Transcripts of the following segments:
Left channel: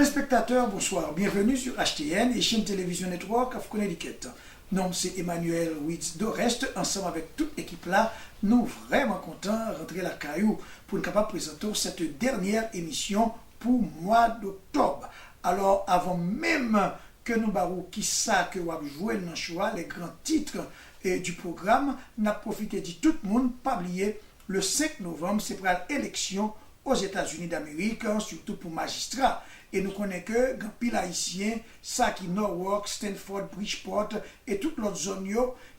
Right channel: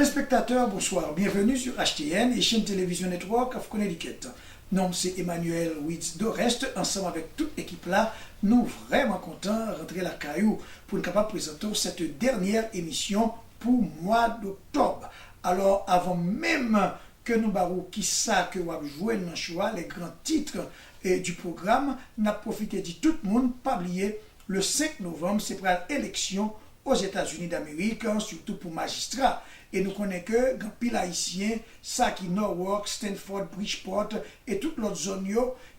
Téléspectateurs, bonsoir. Bienvenue sur HTN et chaîne Télévision Network of Connecticut. Nom c'est Emmanuel Witz d'Orest. Ensemble avec toute l'équipe là, nous vraiment contents de rentrer la caillou pour être capable de présenter cette dernière émission pour mois d'octobre. Alors avant même que nous barrons qui ça que vous jouez dans le choix, les grands titres du programme, nous avons profité de tout le monde, pas oublier le 5 novembre, c'est pour l'élection aux États-Unis d'Amérique, surtout pour magistrats. Et nous connaissons que grand pile haïtien, ça qui Norwalk, Stanford, Bridgeport et toutes l'autre zone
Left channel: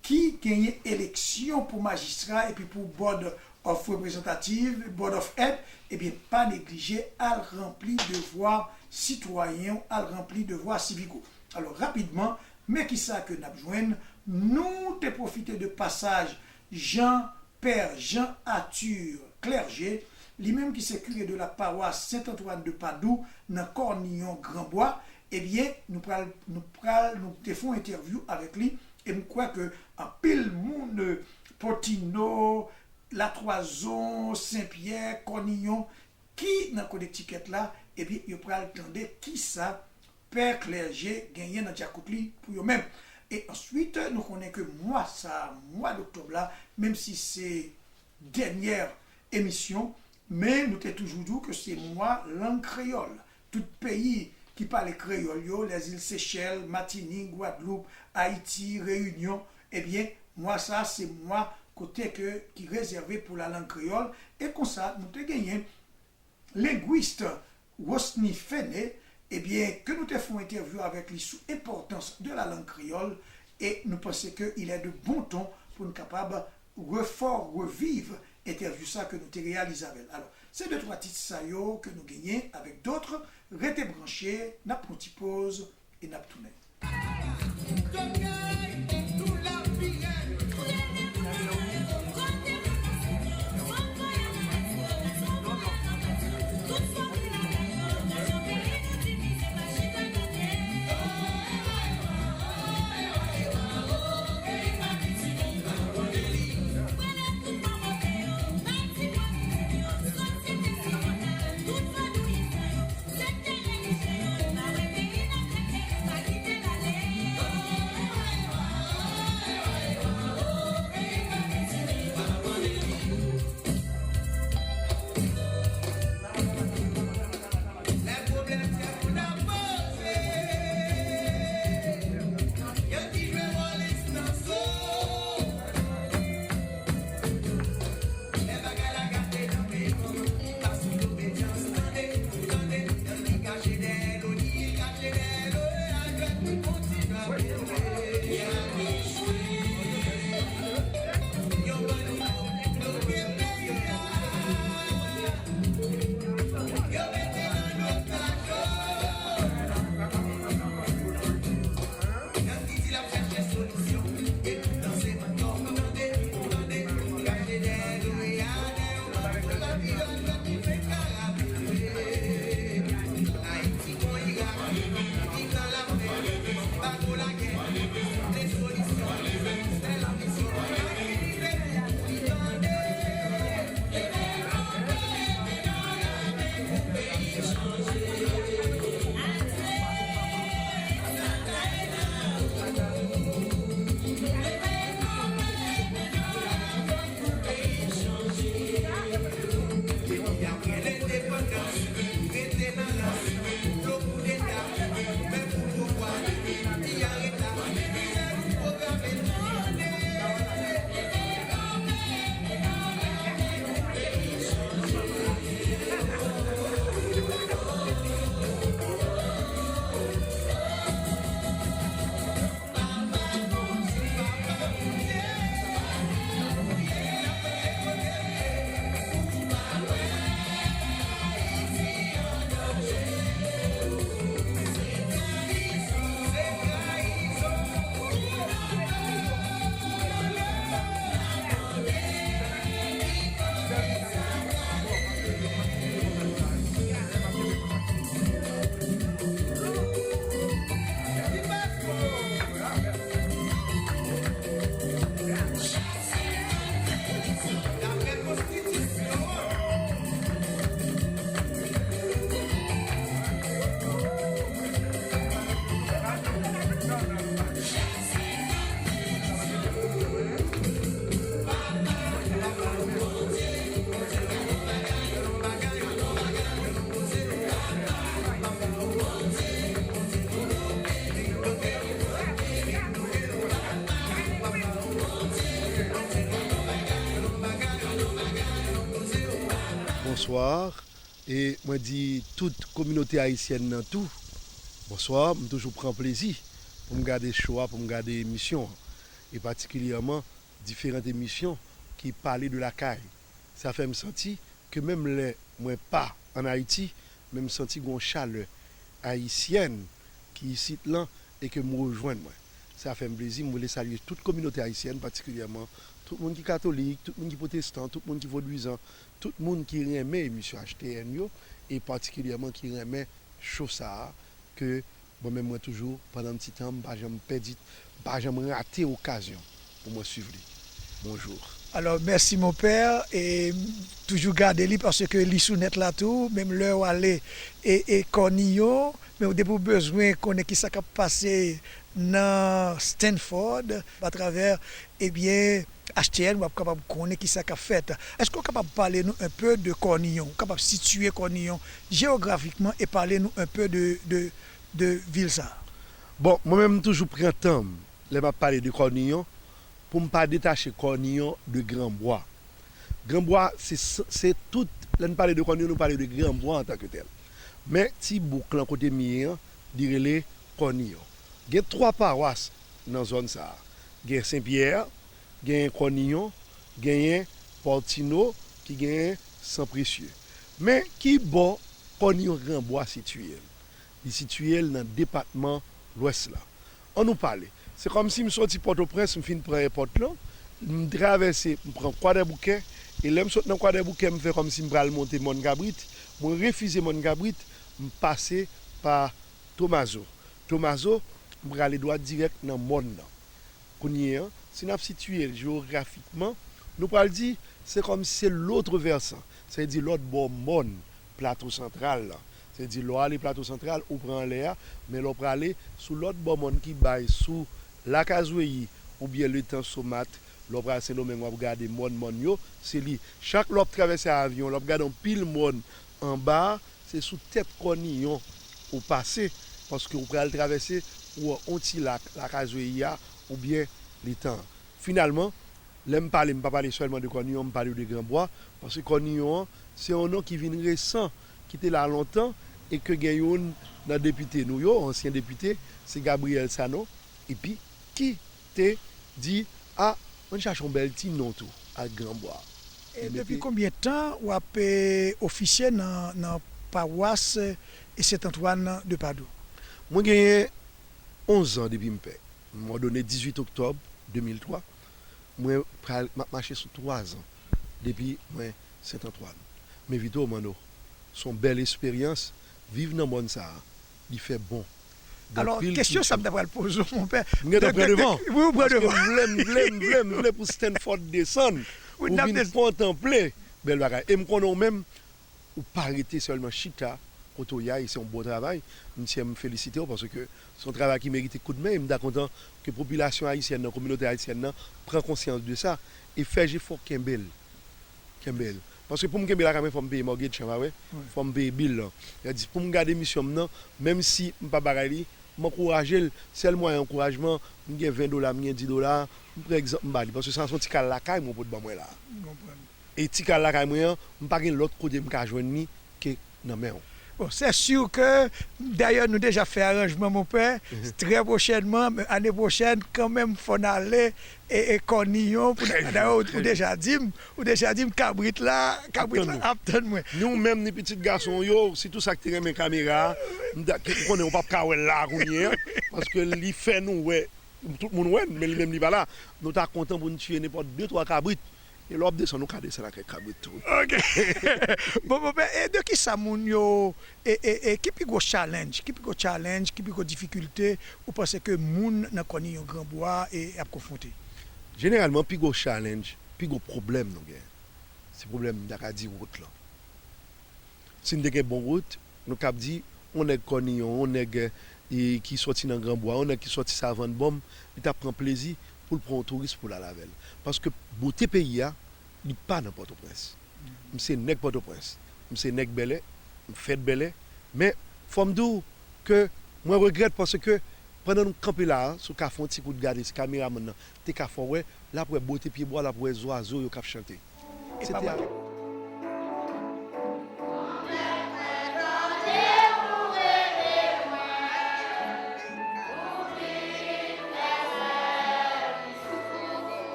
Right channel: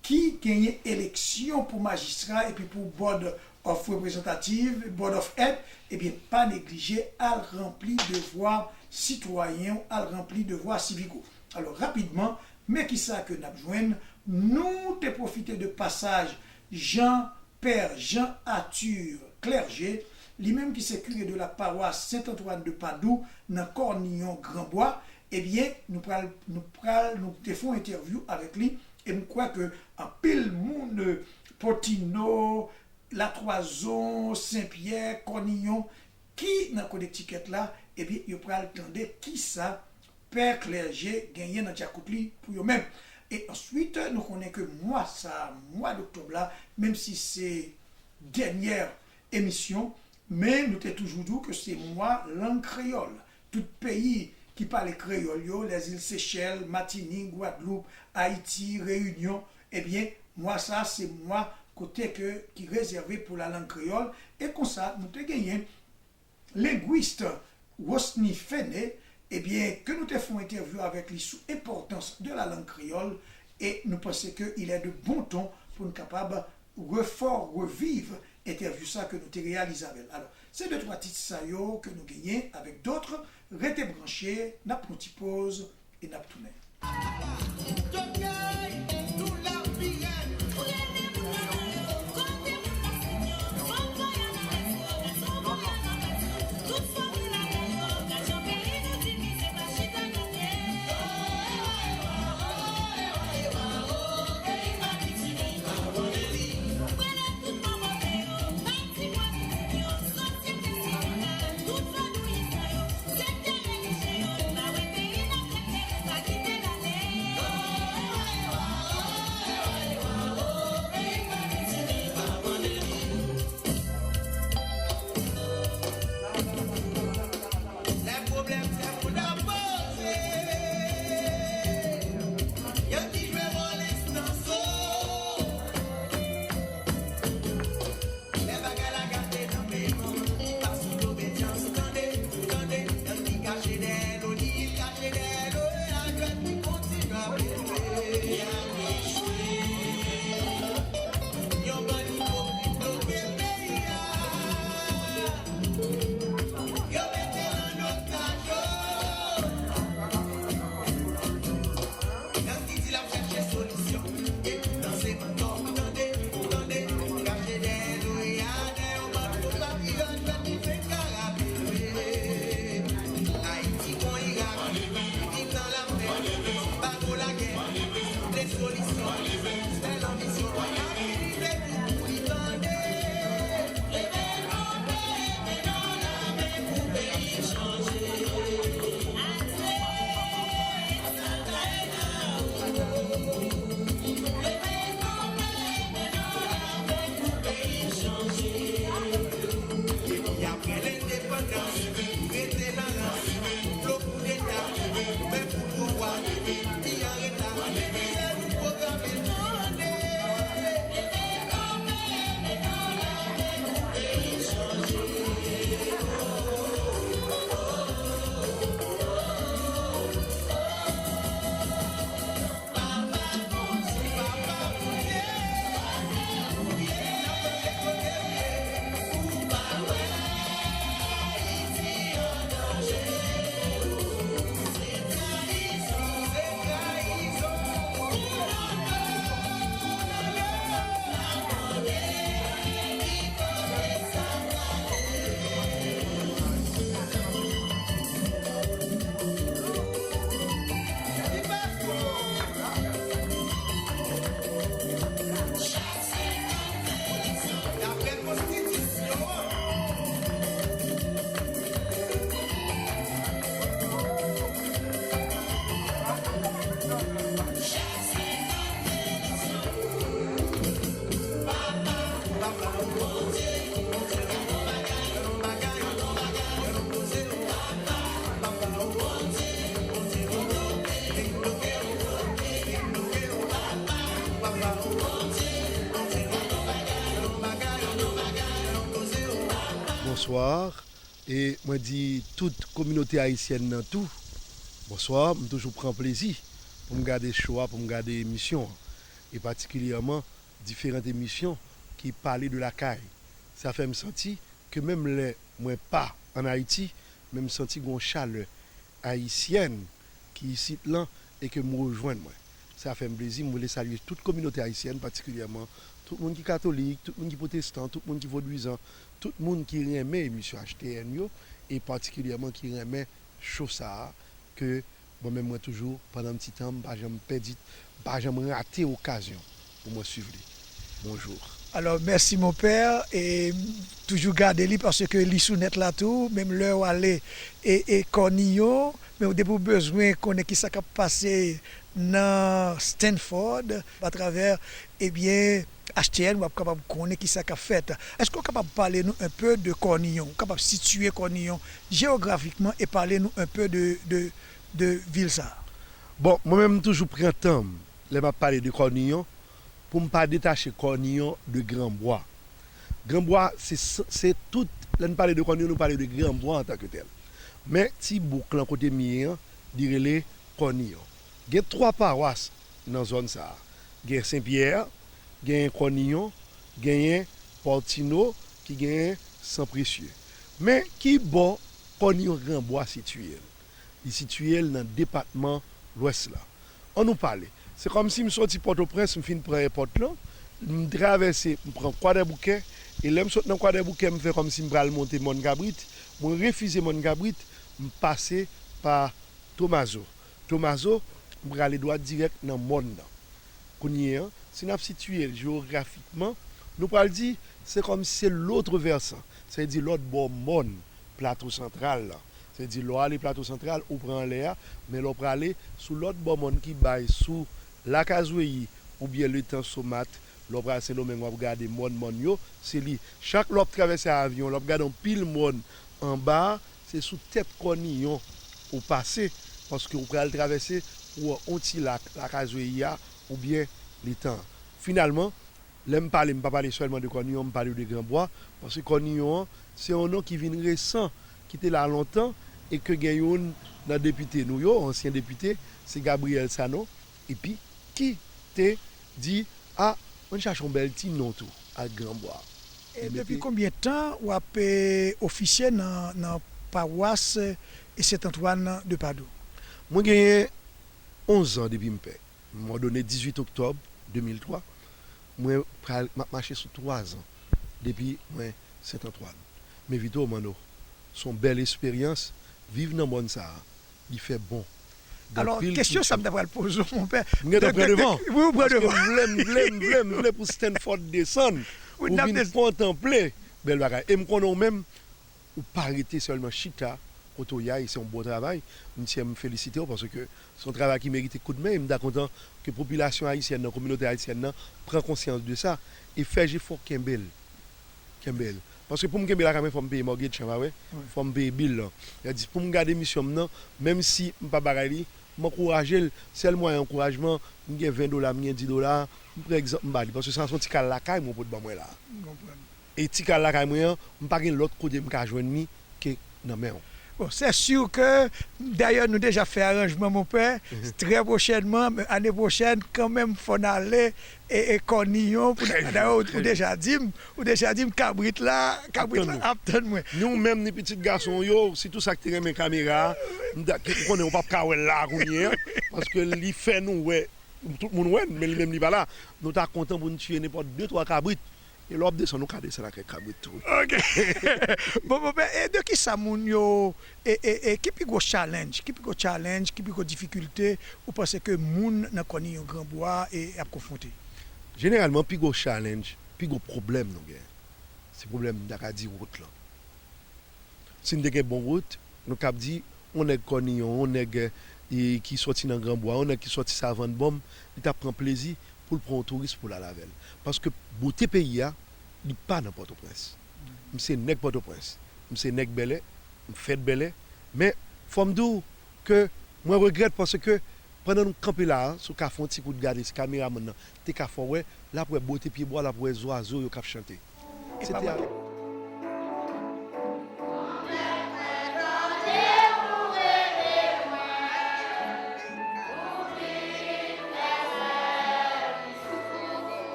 qui gagnent élection pour magistrats et puis pour board of représentative, board of head, et bien pas négliger à remplir devoirs citoyens, à remplir devoirs civicaux. Alors rapidement, mais qui ça que nous avons besoin, nous te profiter de passage Jean-Père Jean-Arthur Clerget, lui-même qui s'est curé de la paroisse Saint-Antoine de Padoue, dans Cornillon Grandbois, eh bien, nous faisons une interview avec lui, et je crois que en pile monde, Potino, La Toison, Saint-Pierre, Cornillon, qui dans Connecticut là, eh bien, il pourra attendre qui ça, Père Clerget, gagné dans Tchakoutli pour eux-mêmes. Et ensuite, nous connaissons que mois d'octobre là, même si c'est dernière émission, mais nous t'ai toujours dit que c'est moi langue créole. Tout pays qui parle créole, les îles Seychelles, Martinique, Guadeloupe, Haïti, Réunion, eh bien, moi ça, c'est moi côté qui est réservé pour la langue créole. Et comme ça, nous t'ai gagné linguiste Rosny Fené, eh bien, que nous te faisons interview avec lui sur l'importance de la langue créole. Et nous pensons qu'il est de bon ton pour nous capables de revivre interview ça que nous te réalisé avec. Alors, c'est deux trois titres ça que nous gagnons avec d'autres. Restez branchés, n'a pas une pause et n'a pas tourné.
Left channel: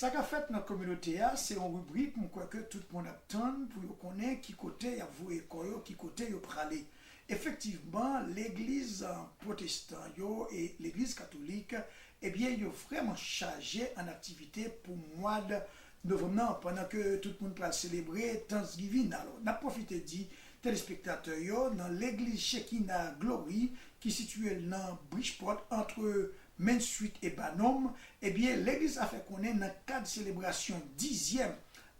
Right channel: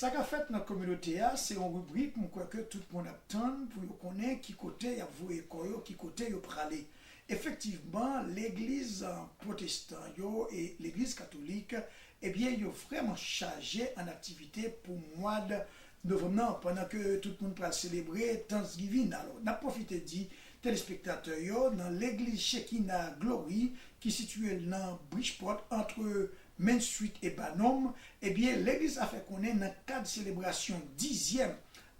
Ça qu'a fait dans la communauté, c'est une rubrique que tout le monde attend pour connaître qui côté y a voué qui côté y a pralé. Effectivement, l'église protestante et l'église catholique, eh bien, ils ont vraiment chargé en activité pour le mois de novembre, pendant que tout le monde va célébrer Thanksgiving. Alors, on a profité de téléspectateurs dans l'église Shekinah Glory, qui est située dans Bridgeport, entre Main Street et Bannom. Eh bien, l'église a fait connaître dans le cadre de célébration 10e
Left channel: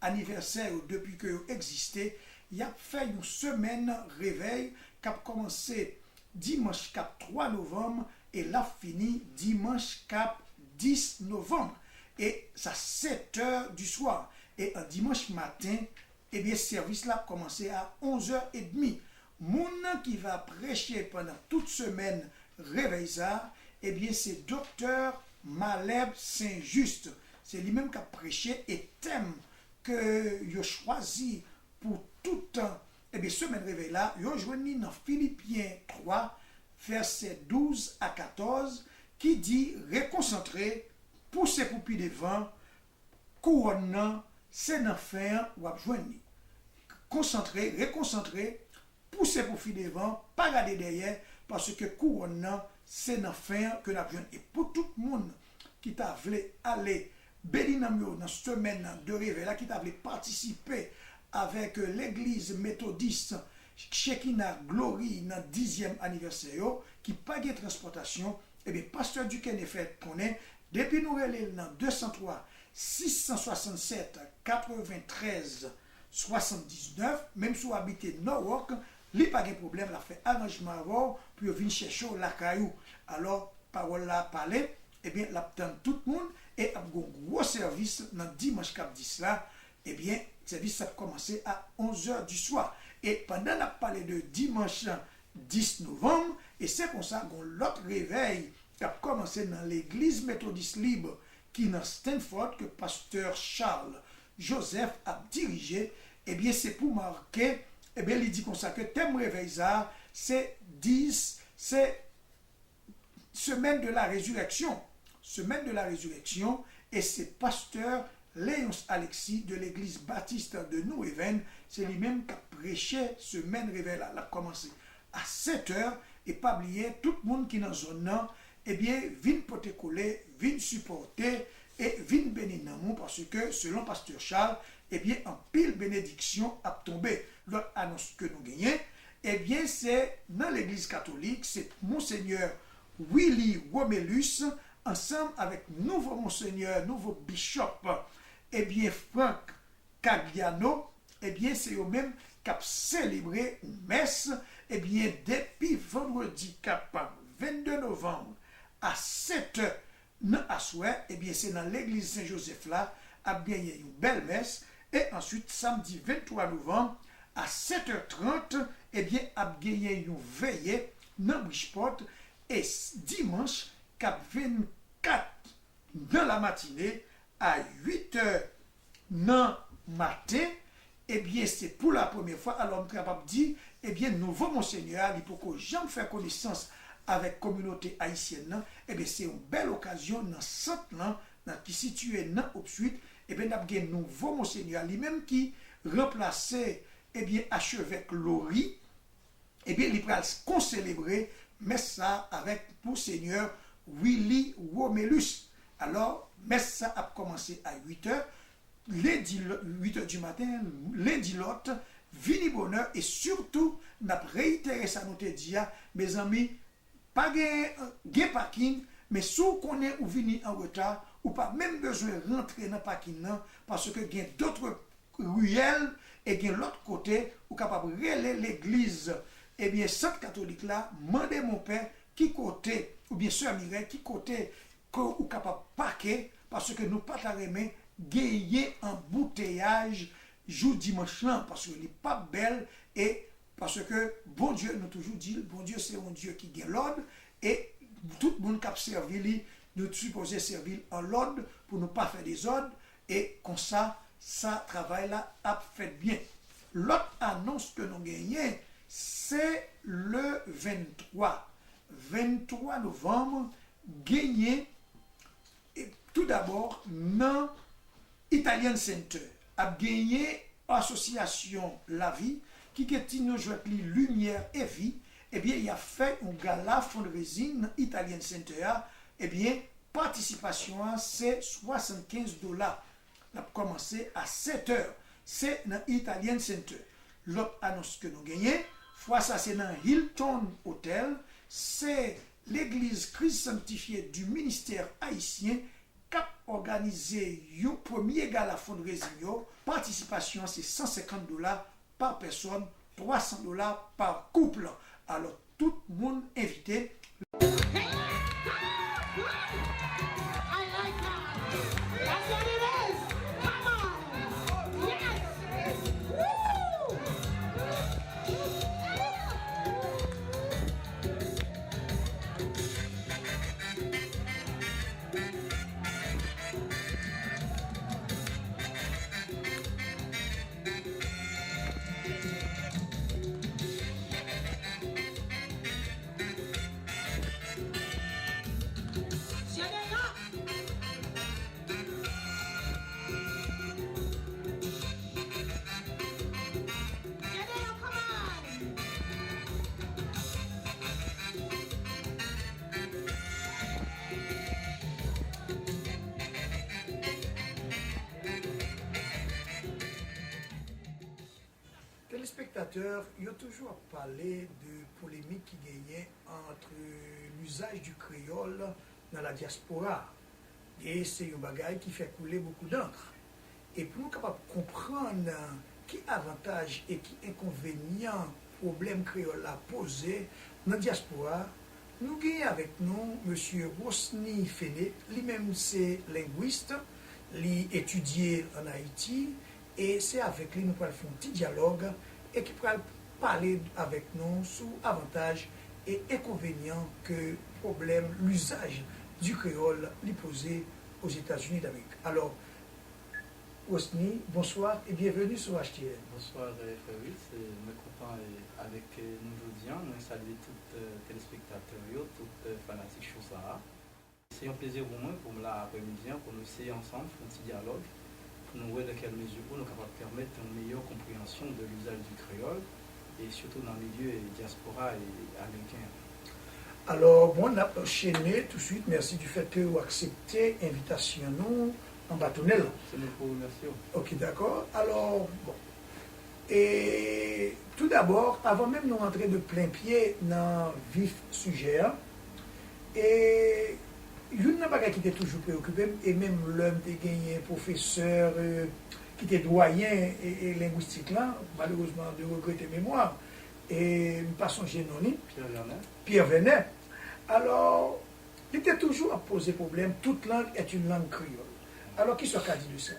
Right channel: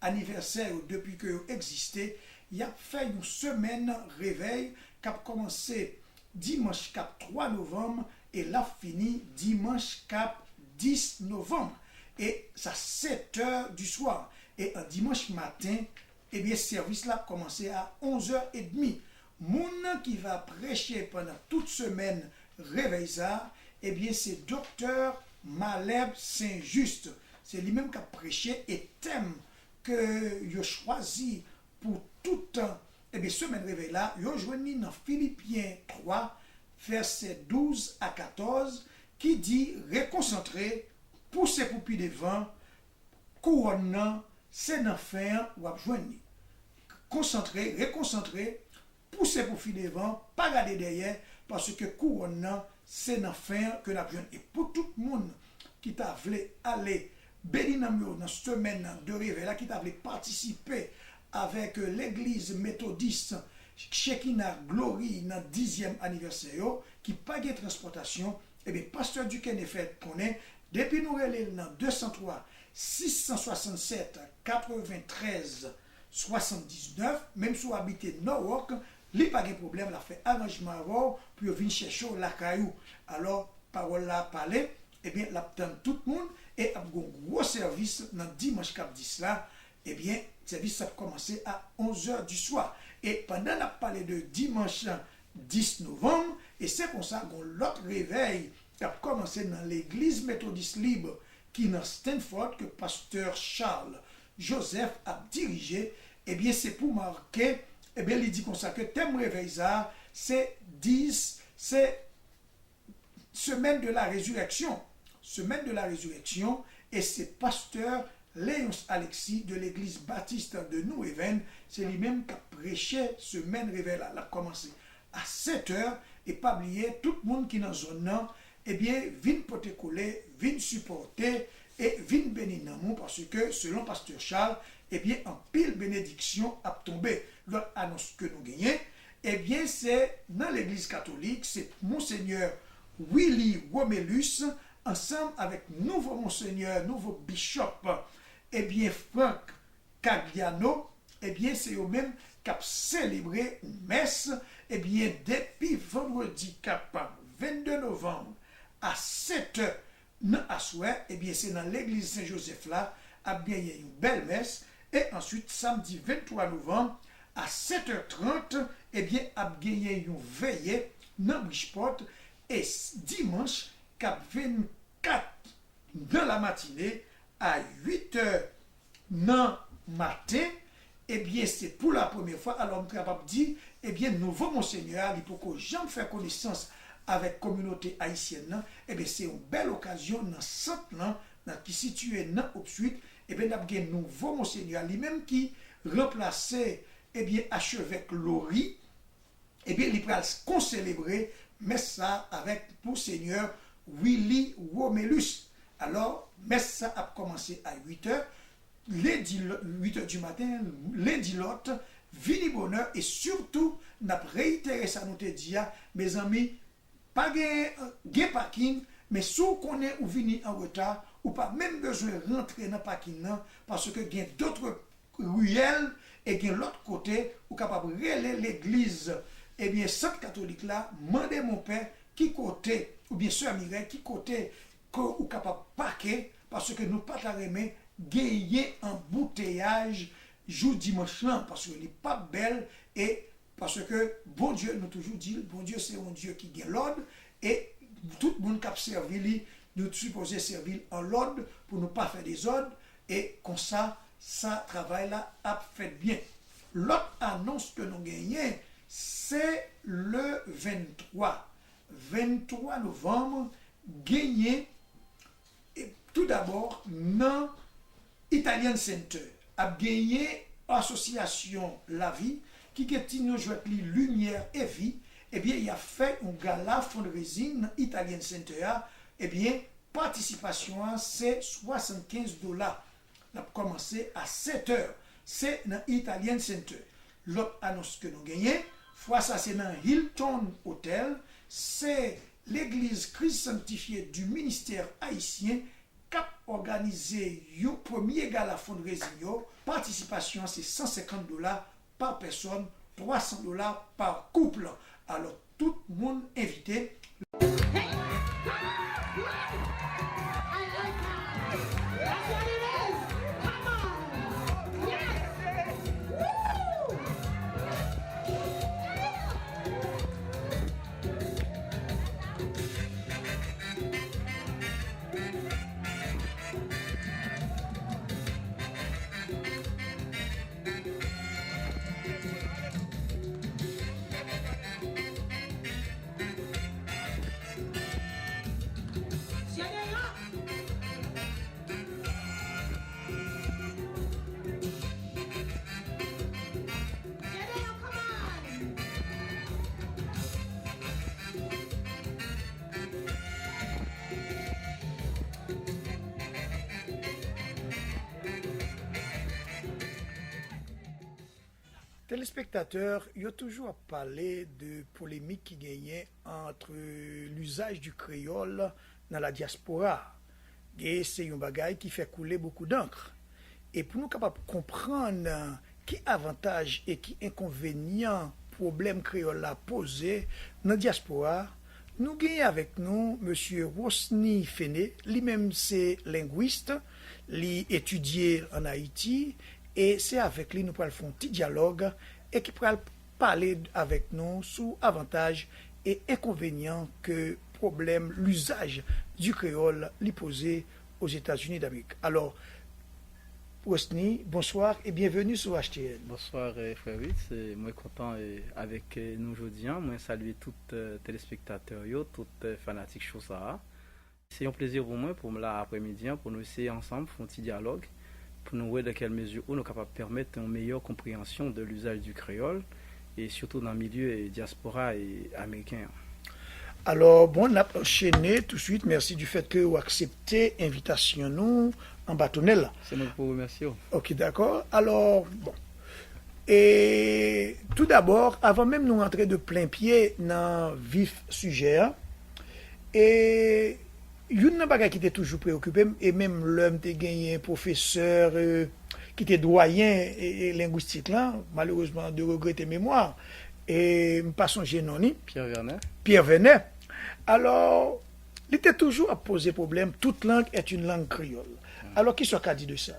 anniversaire depuis que existait, il a fait une semaine réveil qui a commencé dimanche 3 novembre et l'a fini dimanche 10 novembre. Et ça 7 heures du soir. Et un dimanche matin, eh bien, service là a commencé à 11h30. Moun qui va prêcher pendant toute semaine réveil ça, eh bien, c'est docteur Maleb Saint-Just. C'est lui-même qui a prêché et thème que il a choisi pour tout temps, eh bien, semaine réveil là, il a joint dans Philippiens 3, versets 12 à 14, qui dit réconcentrer, pousser pour pied devant, couronnant, c'est dans faire ou à joindre. Concentrer, réconcentrer, pousser pour pied devant, pas garder derrière, parce que couronnant, c'est dans faire que nous avons. Et pour tout le monde qui t'a voulu aller béni dans la semaine de réveil, là, qui t'a voulu participer avec l'église méthodiste Shekinah Glory dans le 10e anniversaire, qui pas de transportation, et bien, pasteur Duquesne fait connaît, depuis nous relève dans 203 667 93 79, même si vous habitez Norwalk, il n'y a pas de problème, il a fait arrangement avant pour venir chercher la caillou. Alors, parole là parler, eh bien, l'attend tout le monde et a un gros service dans dimanche 10 là, eh bien, le service a commencé à 11h du soir. Et pendant la parlé de dimanche 10 novembre, et c'est comme ça qu'on l'autre réveil qui a commencé dans l'église méthodiste libre qui est dans Stanford, que pasteur Charles Joseph a dirigé, eh bien, c'est pour marquer, eh bien, il dit comme ça que thème réveil ça, c'est 10, c'est semaine de la résurrection. Semaine de la résurrection, et c'est pasteur Léonce Alexis de l'église baptiste de New-Haven, c'est lui-même qui a prêché semaine réveil là, a commencé à 7h, et pas oublier tout le monde qui est dans zone nan, eh bien, vin pote coller, vin supporter, et vin bénir nan parce que, selon pasteur Charles, eh bien, en pile bénédiction a tombé. L'autre annonce que nous gagnons, eh bien, c'est dans l'église catholique, c'est Monseigneur Willy Womelus, ensemble avec nouveau Monseigneur, nouveau bishop, eh bien, Franck Cagliano, eh bien, c'est eux-mêmes qui ont célébré une messe, eh bien, depuis vendredi 22 novembre à 7h à soir, eh bien, c'est dans l'église Saint-Joseph là, a bien une belle messe, et ensuite, samedi 23 novembre, à 7h30, eh bien, a gagné une veillée dans Bridgeport, et dimanche, cap 24 dans la matinée, à 8h dans le matin, eh bien, c'est pour la première fois, alors, on est capable de dire, eh bien, nouveau Monseigneur, il faut que j'aime faire connaissance avec la communauté haïtienne, eh bien, c'est une belle occasion dans ce centre qui est situé dans Opsuite, eh bien, nous avons un nouveau Monseigneur, lui-même qui remplaçait, eh bien, archevêque Lori, eh bien, il va concélébrer, mais ça avec pour Seigneur Willy Womelus. Alors, messe ça a commencé à 8h, lundi 8h du matin, lundi l'autre, vini bonheur, et surtout, n'a réitéré ça nous te dit, mes amis, pas de parking, mais si vous connaissez ou vini en retard, ou pas même besoin de rentrer dans le parking, parce que il y a d'autres ruelles, et il y a l'autre côté, ou capable de relayer l'église, eh bien, Sainte Catholique là, mandez mon père, qui côté, ou bien Sœur Mireille, qui côté, ou capable de parquer, parce que nous pas ta remet, gagner un bouteillage, jour dimanche là, parce qu'il n'est pas belle, et parce que, bon Dieu, nous toujours dit, bon Dieu, c'est un Dieu qui gagne l'ordre, et tout le monde qui a servi, nous supposons servir en l'ordre, pour ne pas faire des ordres, et comme ça, ça travail là a fait bien. L'autre annonce que nous gagnons, c'est le 23 novembre, gagné, et tout d'abord, dans Italian Center a gagné association La Vie qui est nous jouer lumière et vie. Eh bien, il a fait un gala fundraising Italian Center. Eh bien, participation c'est $75. On a commencé à 7 heures. C'est dans Italian Center. L'autre annonce que nous gagnons, fois ça c'est dans Hilton Hotel, c'est l'église Christ sanctifié du ministère haïtien qui a organisé un premier gala fundraising. Participation c'est $150 par personne, $300 par couple. Alors tout le monde invité. Téléspectateurs, il y a toujours parlé de polémique qui gagnait entre l'usage du créole dans la diaspora. Et c'est un bagage qui fait couler beaucoup d'encre. Et pour nous capables de comprendre qui avantage et qui inconvénient problème créole a posé dans la diaspora, nous gagnons avec nous M. Rosny Fené, lui-même c'est linguiste, il étudié en Haïti. Et c'est avec lui que nous allons faire un petit dialogue et qui pourra parler avec nous sur avantages et inconvénients que problème l'usage du créole lui posé aux États-Unis d'Amérique. Alors, Rosny, bonsoir et bienvenue sur HTN. Bonsoir frère Witt, c'est moi content avec nous aujourd'hui. Moi saluer tous les téléspectateurs, tous les fanatiques de ça. C'est un plaisir pour moi pour l'après-midi pour nous essayer ensemble faire un petit dialogue. Pour nous voir dans quelle mesure on est capable de permettre une meilleure compréhension de l'usage du créole et surtout dans le milieu diaspora et américain. Alors, bon, on a enchaîné tout de suite. Merci du fait que vous acceptez l'invitation nous en bâtonnel. C'est moi pour vous remercier. Ok, d'accord. Alors, bon. Et tout d'abord, avant même de nous rentrer de plein pied dans le vif sujet, et une bagage qui était toujours préoccupé, et même l'homme qui a gagné un professeur qui était doyen et linguistique là, malheureusement de regretter mémoire, et pas son génoni, Pierre Vernet. Alors, il était toujours à poser problème, toute langue est une langue créole. Alors, qui soit qu'a dit de ça?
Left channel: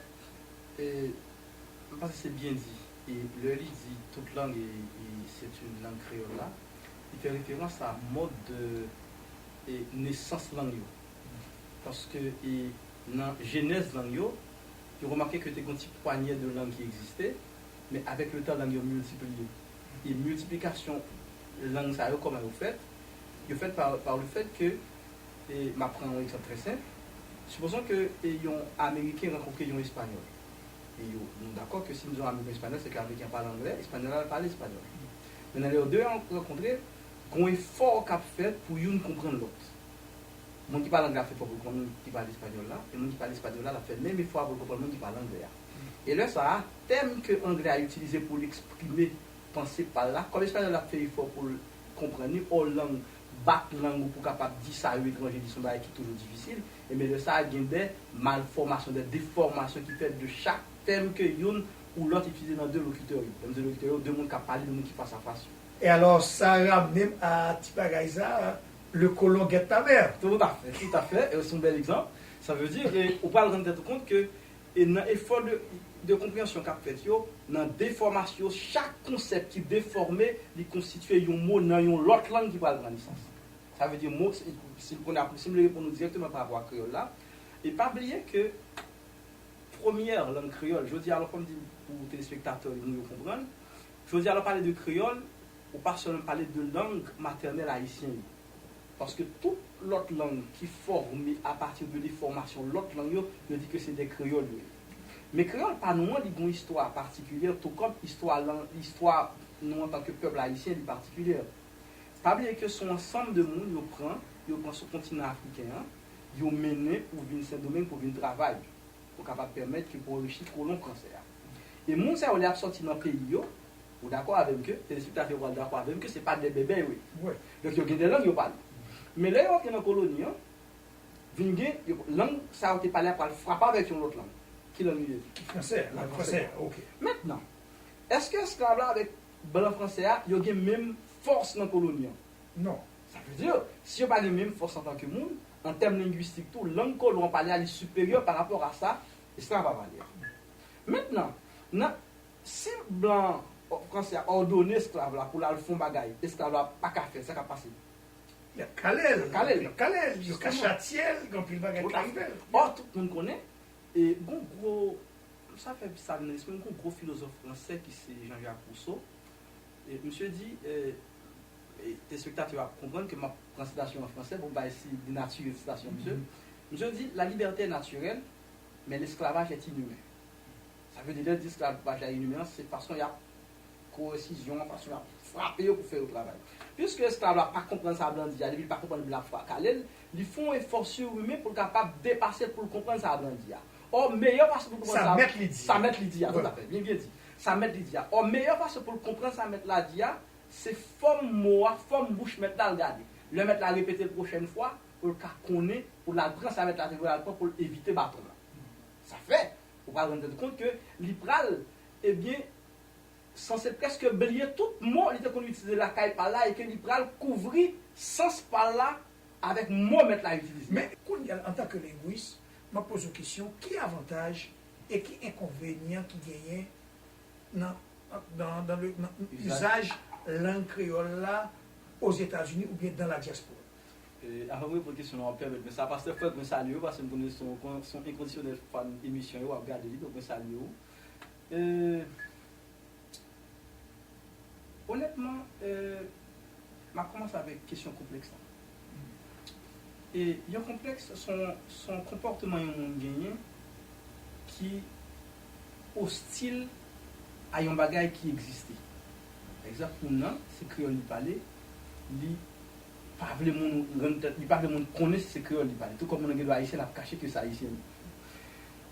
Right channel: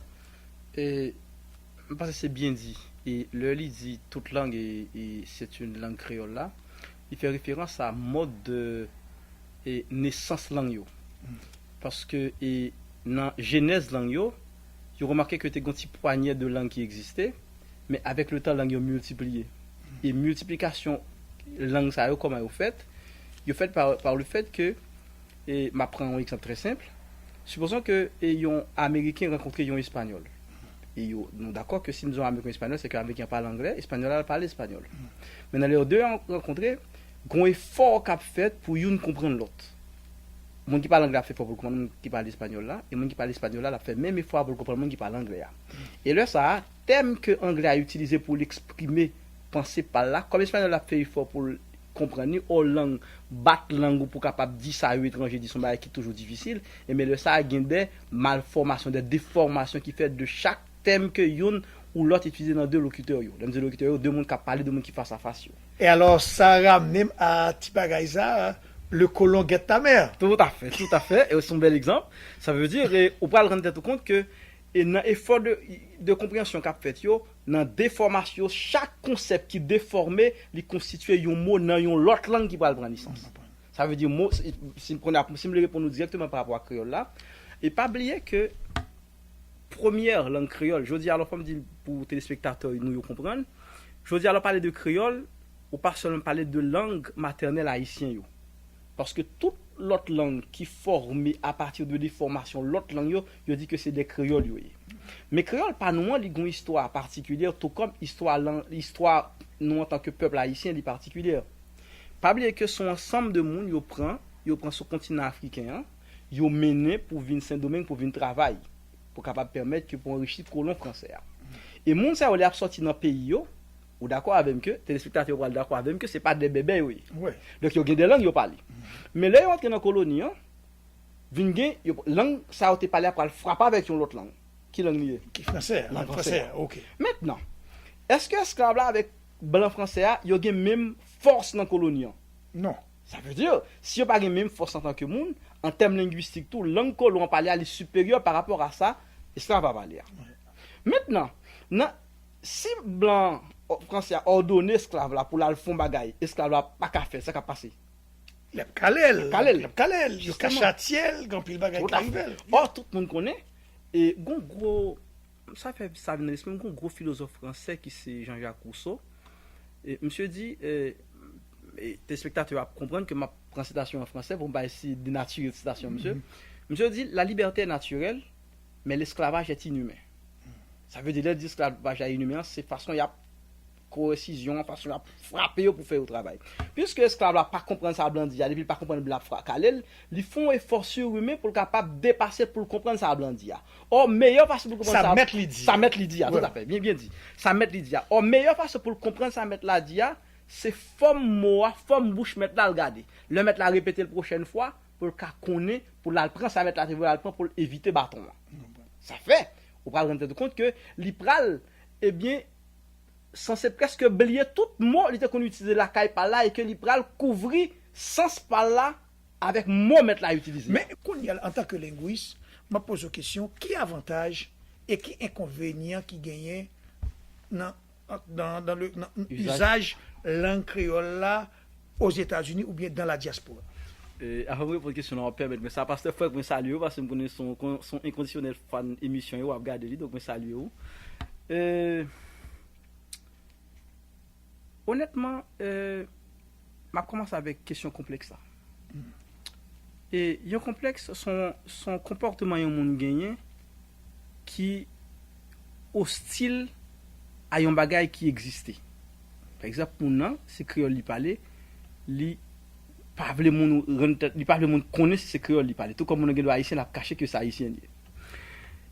Et parce que c'est bien dit, et le dit toute langue et c'est une langue créole là, il fait référence à mode de naissance langue. Parce que dans la genèse langue, vous remarquez que tu as un petit poignet de langues qui existait, mais avec le temps, la langue est multipliée. Et multiplication, la langue, ça comment vous faites? Vous faites par le fait que, et m'apprends un exemple très simple, supposons que un Américain rencontre un Espagnol. Et nous sommes d'accord que si nous avons un Américain espagnol, c'est qu'un Américain parle anglais, l'Espagnol parle espagnol. Mais dans les deux rencontrés, il y a un effort qu'a fait pour nous comprendre l'autre. Les gens qui parlent anglais a fait pour comprendre les gens qui parlent espagnol là, et les gens qui parlent espagnol là a fait même effort pour comprendre les gens qui parlent anglais. Et là, ça a thème que l'anglais a utilisé pour l'exprimer, penser par là, comme l'espagnol a fait effort pour comprendre, aux langues, battre langue pour capable dire ça à un étranger, dit son bail qui est toujours difficile, et mais le ça a des malformations, des déformations qui fait de chaque thème que yon ou l'autre utilisé dans deux locuteurs. Dans deux locuteurs, deux mondes qui parlent, deux mondes qui face à face. Et alors, ça ramène à Tipagaïza. Le colon guette ta mère. Tout à fait. Et c'est un bel exemple. Ça veut dire, on peut rendre compte que dans l'effort de compréhension qu'a fait, dans la déformation, chaque concept qui est déformé, il constitue un mot dans une autre langue qui va prendre naissance. Ça veut dire, si on répond directement par rapport à créole là, et pas oublier que première langue créole, je veux dire, alors comme dit pour les téléspectateurs, nous comprendre, je veux dire, alors parler de créole, ou pas seulement parler de langue maternelle haïtienne. Parce que toute l'autre langue qui est formée à partir de déformation, l'autre langue, je dis que c'est des créoles. Mais créole, pas nous, il y a une histoire particulière, tout comme l'histoire nous en tant que peuple haïtien, est particulière. Pas oublier que son ensemble de monde, il prend ce continent africain, il mené pour venir Saint-Domingue, pour venir travailler, pour capable permettre que pour enrichir le colon français. Et moun ça, on est sorti dans le pays, ou d'accord avec que, téléspectateurs sont d'accord avec que ce n'est pas des bébés, oui. Ouais. Donc, il y a des langues, ils parlent. Mais là, ils entrent dans la colonie, langue, ça a été parlé après, frapper avec une autre langue. Qui langue liée? Français, langue français, ok. Maintenant, est-ce que esclave là avec blanc français, il y a la même force dans la colonie? Non. Ça veut dire, si il n'y a pas la même force en tant que monde, en termes linguistiques, tout, langue que l'on parle est supérieure par rapport à ça, esclave va parler. Maintenant, si blanc français a ordonné esclave là pour la fond bagaille, esclave là pas qu'à faire, ça qu'a passé. Le Kalel, jusqu'à Châtiel, quand il bagaille qui arrive. Or, tout le monde connaît, et gros, ça fait ça venait un gros philosophe français qui c'est Jean-Jacques Rousseau. Et monsieur dit, et tes spectateurs vont comprendre que ma citation en français, bon, bah, ici, de nature de citation, monsieur. Monsieur dit, la liberté est naturelle, mais l'esclavage est inhumain. Ça veut dire que l'esclavage est inhumain, c'est façon, il y a coercition, façon, il y a frapper pour faire le travail. Puisque l'esclave n'a pas compris ça, Blandi, il ne pas comprendre la Kalel, ils font un effort surhumain pour capable dépasser pour comprendre ça, Blandi. Or, meilleure façon pour comprendre ça, ça met l'idée, tout à fait, bien dit. Ça met l'idée. Or, meilleure façon pour comprendre ça, mettre la dia, c'est forme bouche, mettre là, regarder. Le mettre la répéter la prochaine fois, pour le connaître, pour la prendre, ça mettre la répéter pour éviter bâton. Ça fait, on va rendre compte que l'ipral, eh bien, censé presque oublier tout mot qu'on utilise la caille par là et que l'ipral couvrir sens par là avec mot mettre là utilisé. Mais en tant que linguiste, je me pose une question, qui avantage et qui inconvénient qui gagne dans l'usage langue créole là aux États-Unis ou bien dans la diaspora? Avant de répondre à la question, on va permettre, mais ça passe de fois que je salue parce que je connais son inconditionnel fan émission, je regarde donc je salue. Honnêtement, je commence avec une question complexe. Et il y a un complexe, son comportement est un monde gagné qui hostile à un bagage qui existait. Par exemple, pour nous, si créole lui parlait, lui pas le monde connaît ce créole lui parlait. Tout comme on a haïtien a caché que c'est haïtien.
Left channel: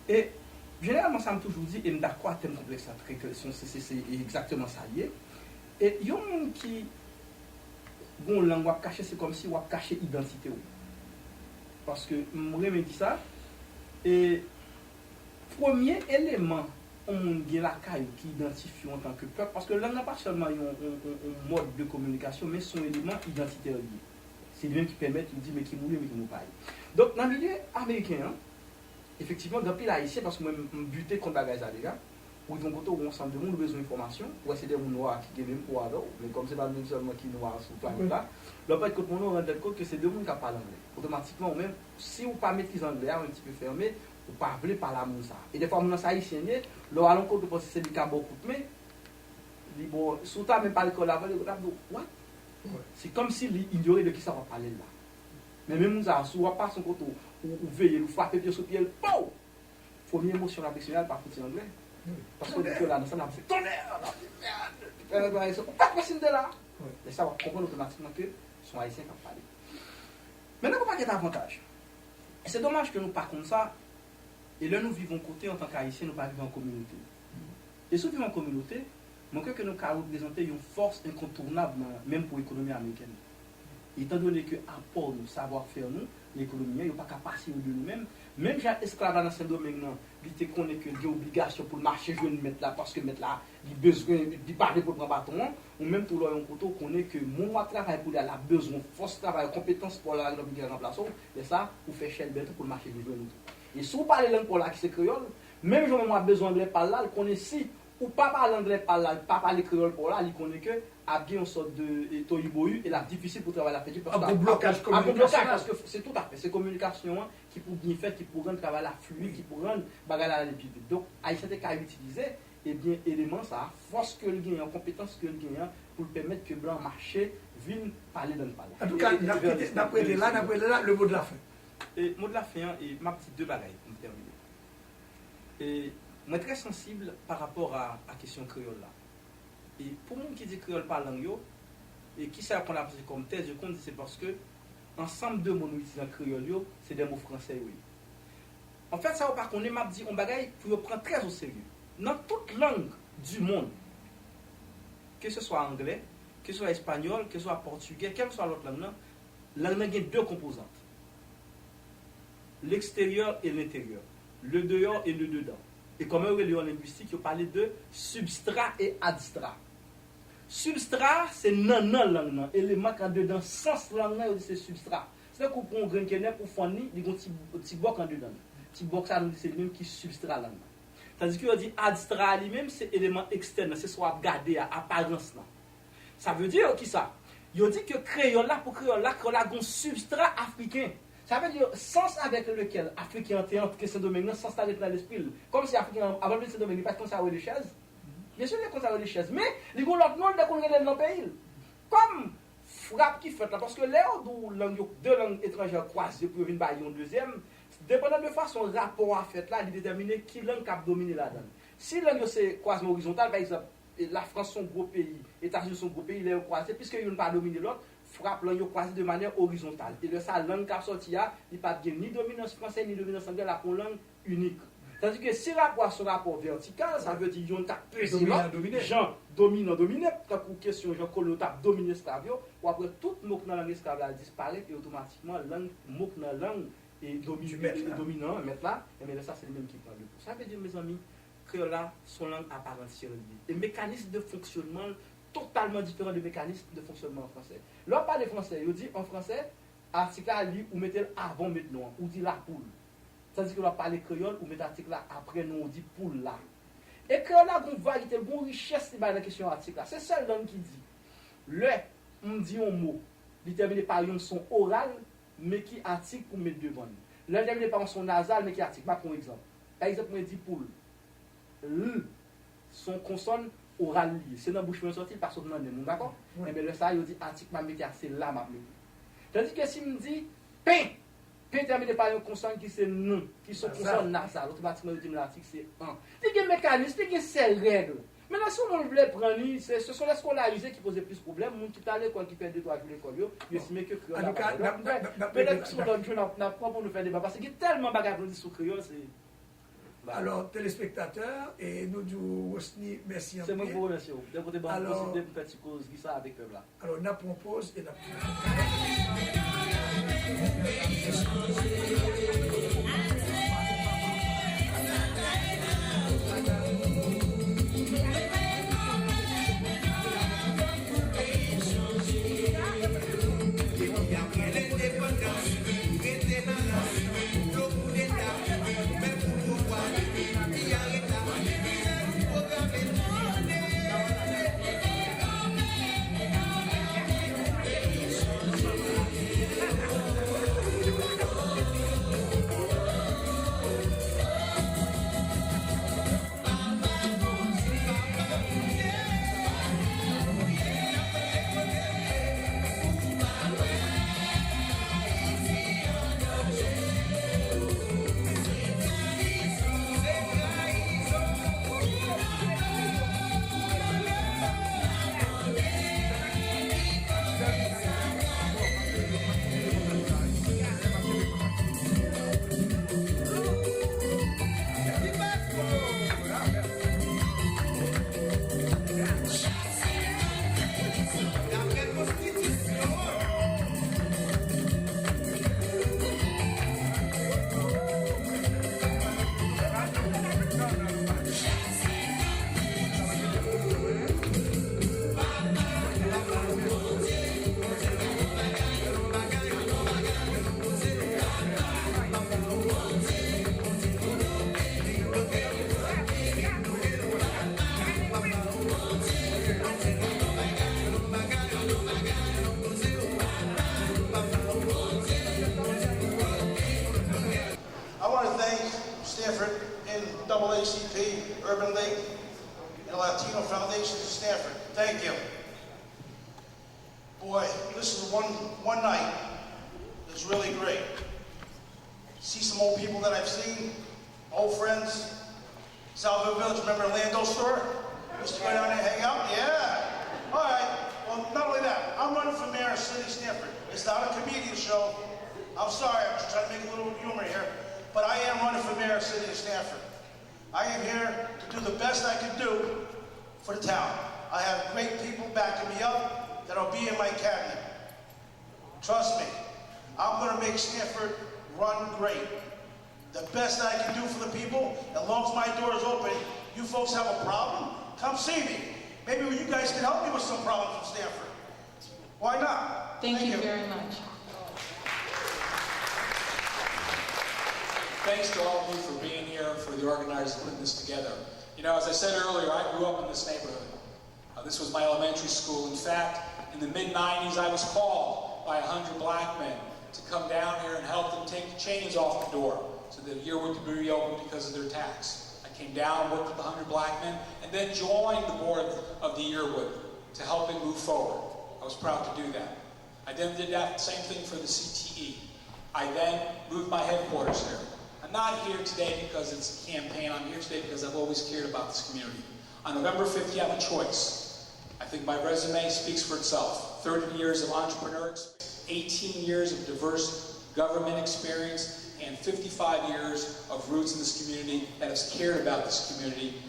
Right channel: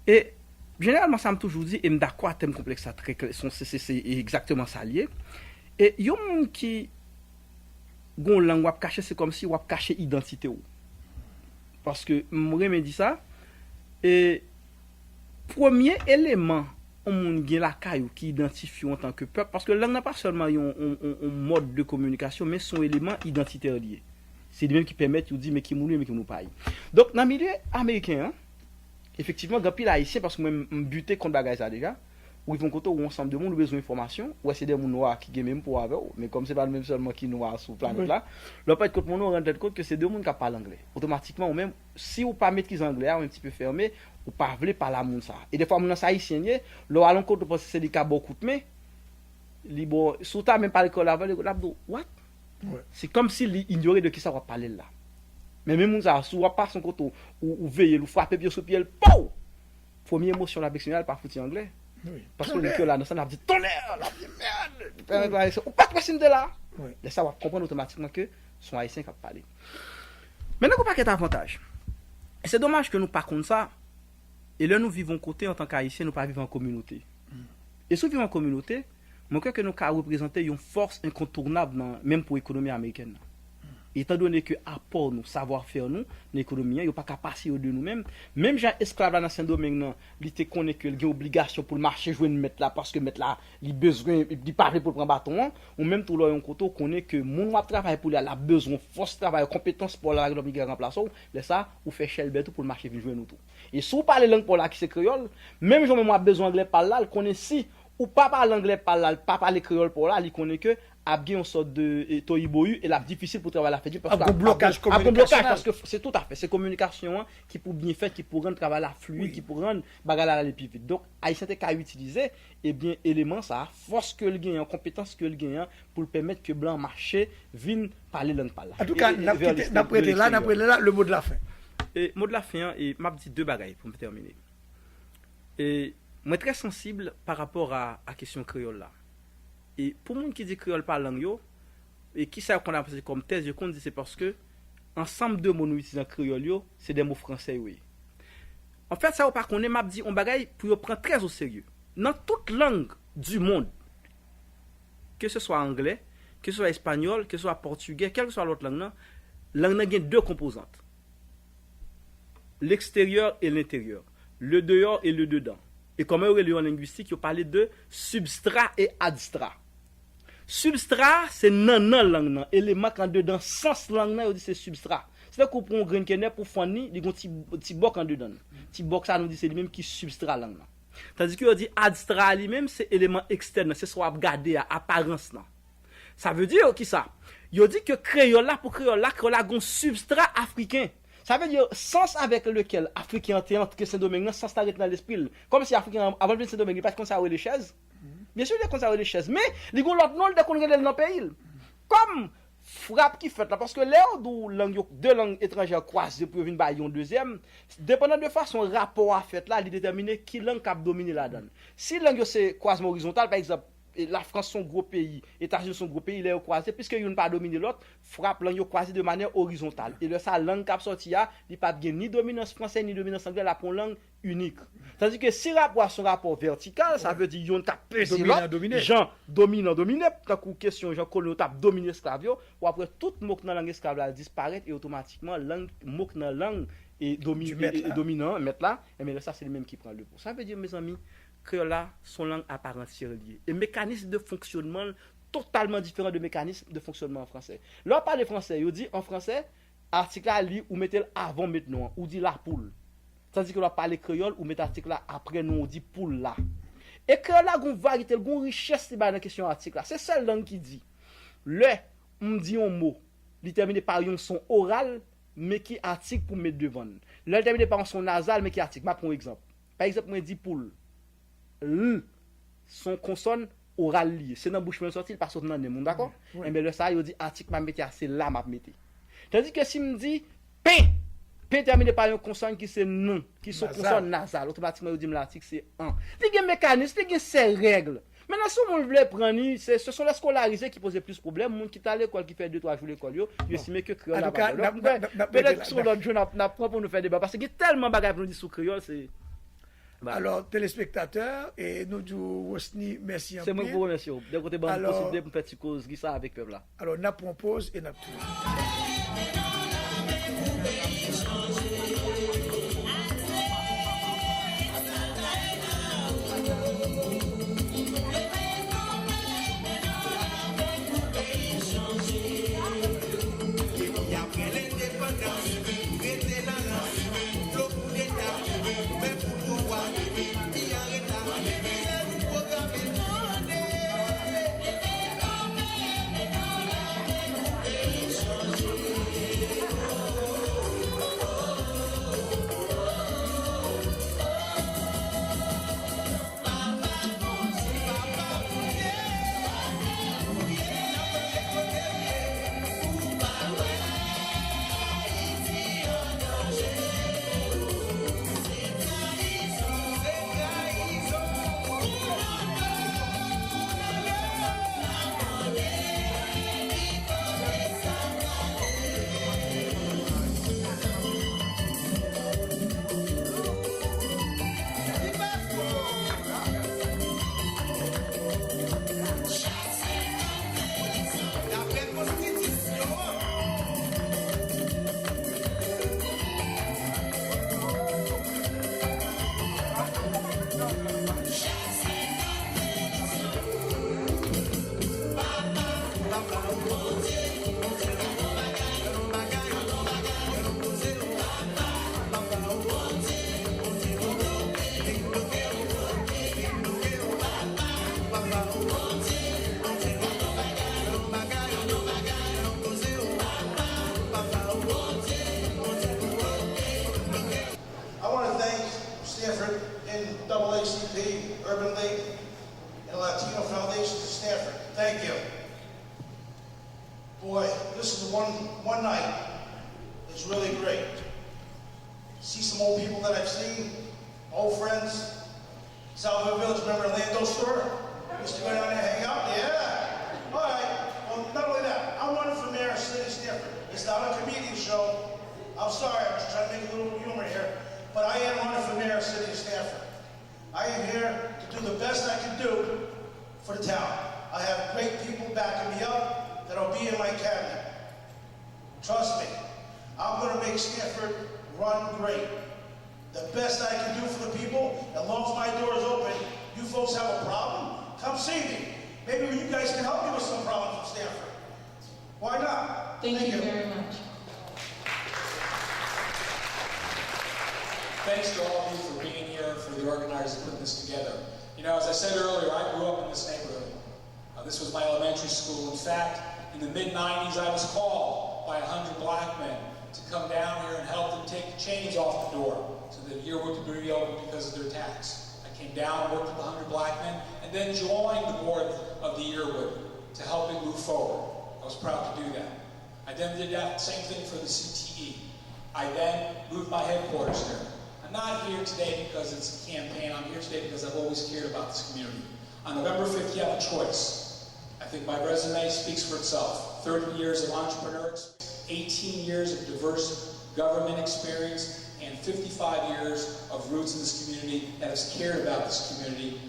Et généralement, ça me toujours dit, et d'accord, thème complexe, c'est exactement ça lié. Et il y a un monde qui a une langue caché, c'est comme si on a caché l'identité. Parce que moi, je me dis ça. Et premier élément, on a la caille qui identifie en tant que peuple. Parce que la langue n'a pas seulement un mode de communication, mais son élément identitaire lié. C'est lui-même qui permet de dire, mais qui mouille, mais qui mouille pas. Donc, dans le milieu américain, effectivement, il y a des haïtiens parce que je suis buté contre les gens déjà. Où ils vont côté où ensemble de monde besoin d'informations, ou c'est des gens noirs qui ont même pour avoir, mais comme c'est pas le même seulement qui noirs sur la planète là, le fait que on rend compte que c'est deux gens qui parlent anglais. Automatiquement, ou même si vous pas maîtrise anglais, un petit peu fermé, ou pas voulez parler à monde ça. Et des fois mon haïtien, le à l'encontre parce que c'est des cas beaucoup mais libre sous ta même pas l'école avant, là what? C'est comme si il ignorait de qui ça va parler là. Mais même on ça soit pas son côté ou veiller, ou frapper pied sur pied, pou! Première émotion affectionnelle par foutu anglais. Oui. Parce que là, dans ça, on a dit tonnerre, on a dit merde, on pas de de là. Et ça va comprendre automatiquement que son haïtien qui a parlé. Maintenant, on n'a pas d'avantage. Et c'est dommage que nous ne pas comme ça. Et là, nous vivons côté en tant qu'haïtiens, nous ne pas vivons en communauté. Et si nous vivons en communauté, je crois que nous avons représenté une force incontournable, même pour l'économie américaine. Étant donné que apport nous, savoir-faire nous, l'économie, il n'y a pas qu'à passer de nous-mêmes. Même j'ai esclave dans Saint-Domingue, il te connaît que il y a obligation pour le marché jouer de mettre là parce que mettre là, il besoin de parler pour prendre bâton, ou même tout le monde connaît que mon travail pour lui a besoin force travail compétence pour la remplacer, là ça ou faire cher bête pour le marché jouer nous tout. Et si vous parlez langue pour là qui c'est créole, même si on a besoin anglais par là, il connaît si ou pas parler anglais par là, pas parler créole pour là, il connaît que a une sorte de tohibohu et la difficile pour travailler la fête parce que blocage parce que c'est tout à fait c'est communication qui pour bien faire qui pour rendre travail la fluide qui pour rendre bagarre aller plus vite donc haïtien qu'à utiliser et bien élément ça force que le gain compétence que le gain pour permettre que blanc marché vienne parler langue par là en tout cas d'après là le mot de la fin et mot de la fin et m'a dit deux bagailles pour me terminer et moi très sensible par rapport à la question créole là. Et pour moi qui dit créole par langue yo, et qui ça qu'on a posé comme thèse, je compte c'est parce que ensemble de mots nous utilisons créole yo, c'est des mots français oui. En fait ça ou pas qu'on est m'a dit on bagaille pour prendre très au sérieux. Dans toute langue du monde, que ce soit anglais, que ce soit espagnol, que ce soit portugais, quelle que soit l'autre langue, langue a deux composantes. L'extérieur et l'intérieur. Le dehors et le dedans. Et comme on est en linguistique, il parle de substrat et adstrat. Substrat, c'est nan langue, élément en dedans, sens langue, c'est substrat. C'est là qu'on prend un grain de pour fournir, il y a un petit boc en dedans. Petit boc, ça nous dit c'est lui-même qui substrat langue. Tandis qu'on dit adstrat lui-même, c'est élément externe, c'est soit regarder à apparence. Ça veut dire qui ça? Il dit que créole là, pour créole là, a un substrat africain. Ça veut dire sens avec lequel Africain entre Saint-Domingue, sens avec dans l'esprit. Comme si Africain, avant de Saint-Domingue, il pas conservé les chaises. Bien sûr, il a conservé les chaises, mais il y a l'autre nom de qu'on regarde dans le pays. Comme frappe qui fait là, parce que là où deux langues étrangères croisent pour venir bailler un deuxième, dépendant de façon rapport à fait là, il détermine qui langue cap dominer là-dedans. Si langue c'est croisement horizontal, par exemple, la France son gros pays, les États-Unis son gros pays, il est croisé, puisque ils n'ont pas dominé l'autre, frappe langue croisé de manière horizontale. Et le ça langue cap sorti là, il pas ni dominance française ni dominance anglaise, la pour langue unique. Tandis que si rapport son rapport vertical, ça veut dire qu'ils ont tapé Jean dominant dominé, quand question Jean Collot tape dominer esclave, ou après tout mot dans langue esclave disparaît et automatiquement langue mot dans langue et dominant mettre là, mais ça c'est le même qui prend le pour. Ça veut dire mes amis créole là son langue à part entière liée. Et mécanisme de fonctionnement totalement différent de mécanisme de fonctionnement en français. Là on parle de français, il dit en français article à lire ou mettez avant maintenant ou dit la poule. Tandis que l'on parle créole ou met article là après nous on dit poule là. Et créole là gon variété, gon richesse dans la question article là. C'est seule langue qui dit. Le on dit un mot, il terminé par un son oral mais qui article pour mettre devant. Le terminé par un son nasal mais qui article. Par exemple. Par exemple, moi dit poule. L son consonne oral lié. C'est dans bouche sorti pas sorti dans monde, d'accord? Et bien le ça il dit article m'a mettre c'est là m'a mettre. Tandis que si me dit pain P terminé par une consonne qui c'est non, qui sont consonnes nasales, automatiquement, je dis l'article c'est un. Il y a un mécanisme, il y a ces règles. Maintenant, si on veut prendre, ce sont les scolarisés qui posent plus de problèmes. Les gens qui sont à l'école, qui font 2-3 jours l'école, ils estiment que créole. En tout cas, peut-être que sur l'autre jour, on apprend pour nous faire débat. Parce qu'il y a tellement de bagages pour nous dire sur créole, c'est. Alors, téléspectateurs, et nous disons aussi merci. C'est moi qui vous remercie. D'un côté, on possible de faire une cause qui ça avec eux là. Alors, on propose et on tout. NAACP, Urban League, and Latino Foundation of Stanford. Thank you. Boy, this is one night that's really great. See some old people that I've seen, old friends, Salvador Village, remember Lando store? Used to go down there and hang out? Yeah. All right. Well, not only that, I'm running for mayor of City of Stanford. It's not a comedian show. I'm sorry, I'm just trying to make a little humor here. But I am running for mayor of City of Stanford. I am here to do the best I can do for the town. I have great people backing me up that'll be in my cabinet. Trust me, I'm going to make Stanford run great. The best I can do for the people, as long as my door is open. You folks have a problem? Come see me. Maybe you guys can help me with some problems in Stanford. Why not? Thank you very much. Thanks to all of you for being here and for the organizers putting this together. You know, as I said earlier, I grew up in this neighborhood. This was my elementary school. In fact, in the mid-90s, I was called by 100 black men to come down here and help them take the chains off the door so that Yearwood could be reopened because of their tax. I came down and worked with 100 black men and then joined the board of the Yearwood to help it move forward. I was proud to do that. I then did that same thing for the CTE. I then moved my headquarters here. I'm not here today because it's a campaign. I'm here today because I've always cared about this community. On November 5th, you have a choice. I think my resume speaks for itself. 30 years of entrepreneur experience, 18 years of diverse government experience, and 55 years of roots in this community that has cared about this community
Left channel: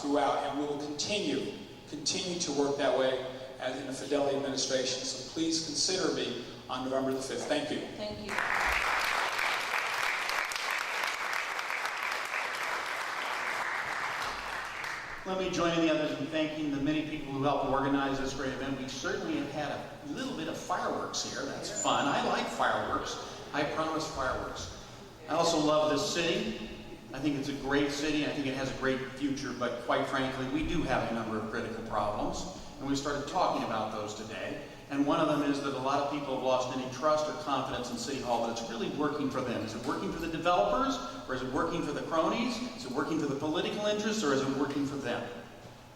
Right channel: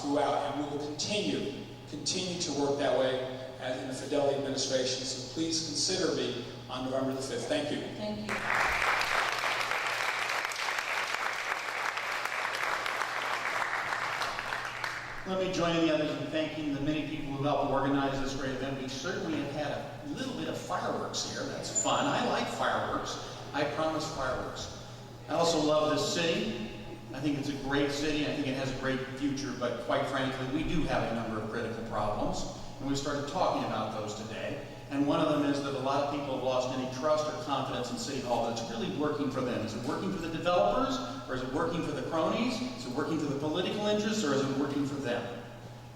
throughout, and we will continue to work that way as in the Fidelity administration. So please consider me on November the 5th. Thank you. Thank you. Let me join in the others in thanking the many people who helped organize this great event. We certainly have had a little bit of fireworks here. That's fun. I like fireworks. I promise fireworks. I also love this city. I think it's a great city. I think it has a great future, but quite frankly, we do have a number of critical problems, and we started talking about those today. And one of them is that a lot of people have lost any trust or confidence in City Hall that it's really working for them. Is it working for the developers, or is it working for the cronies? Is it working for the political interests, or is it working for them?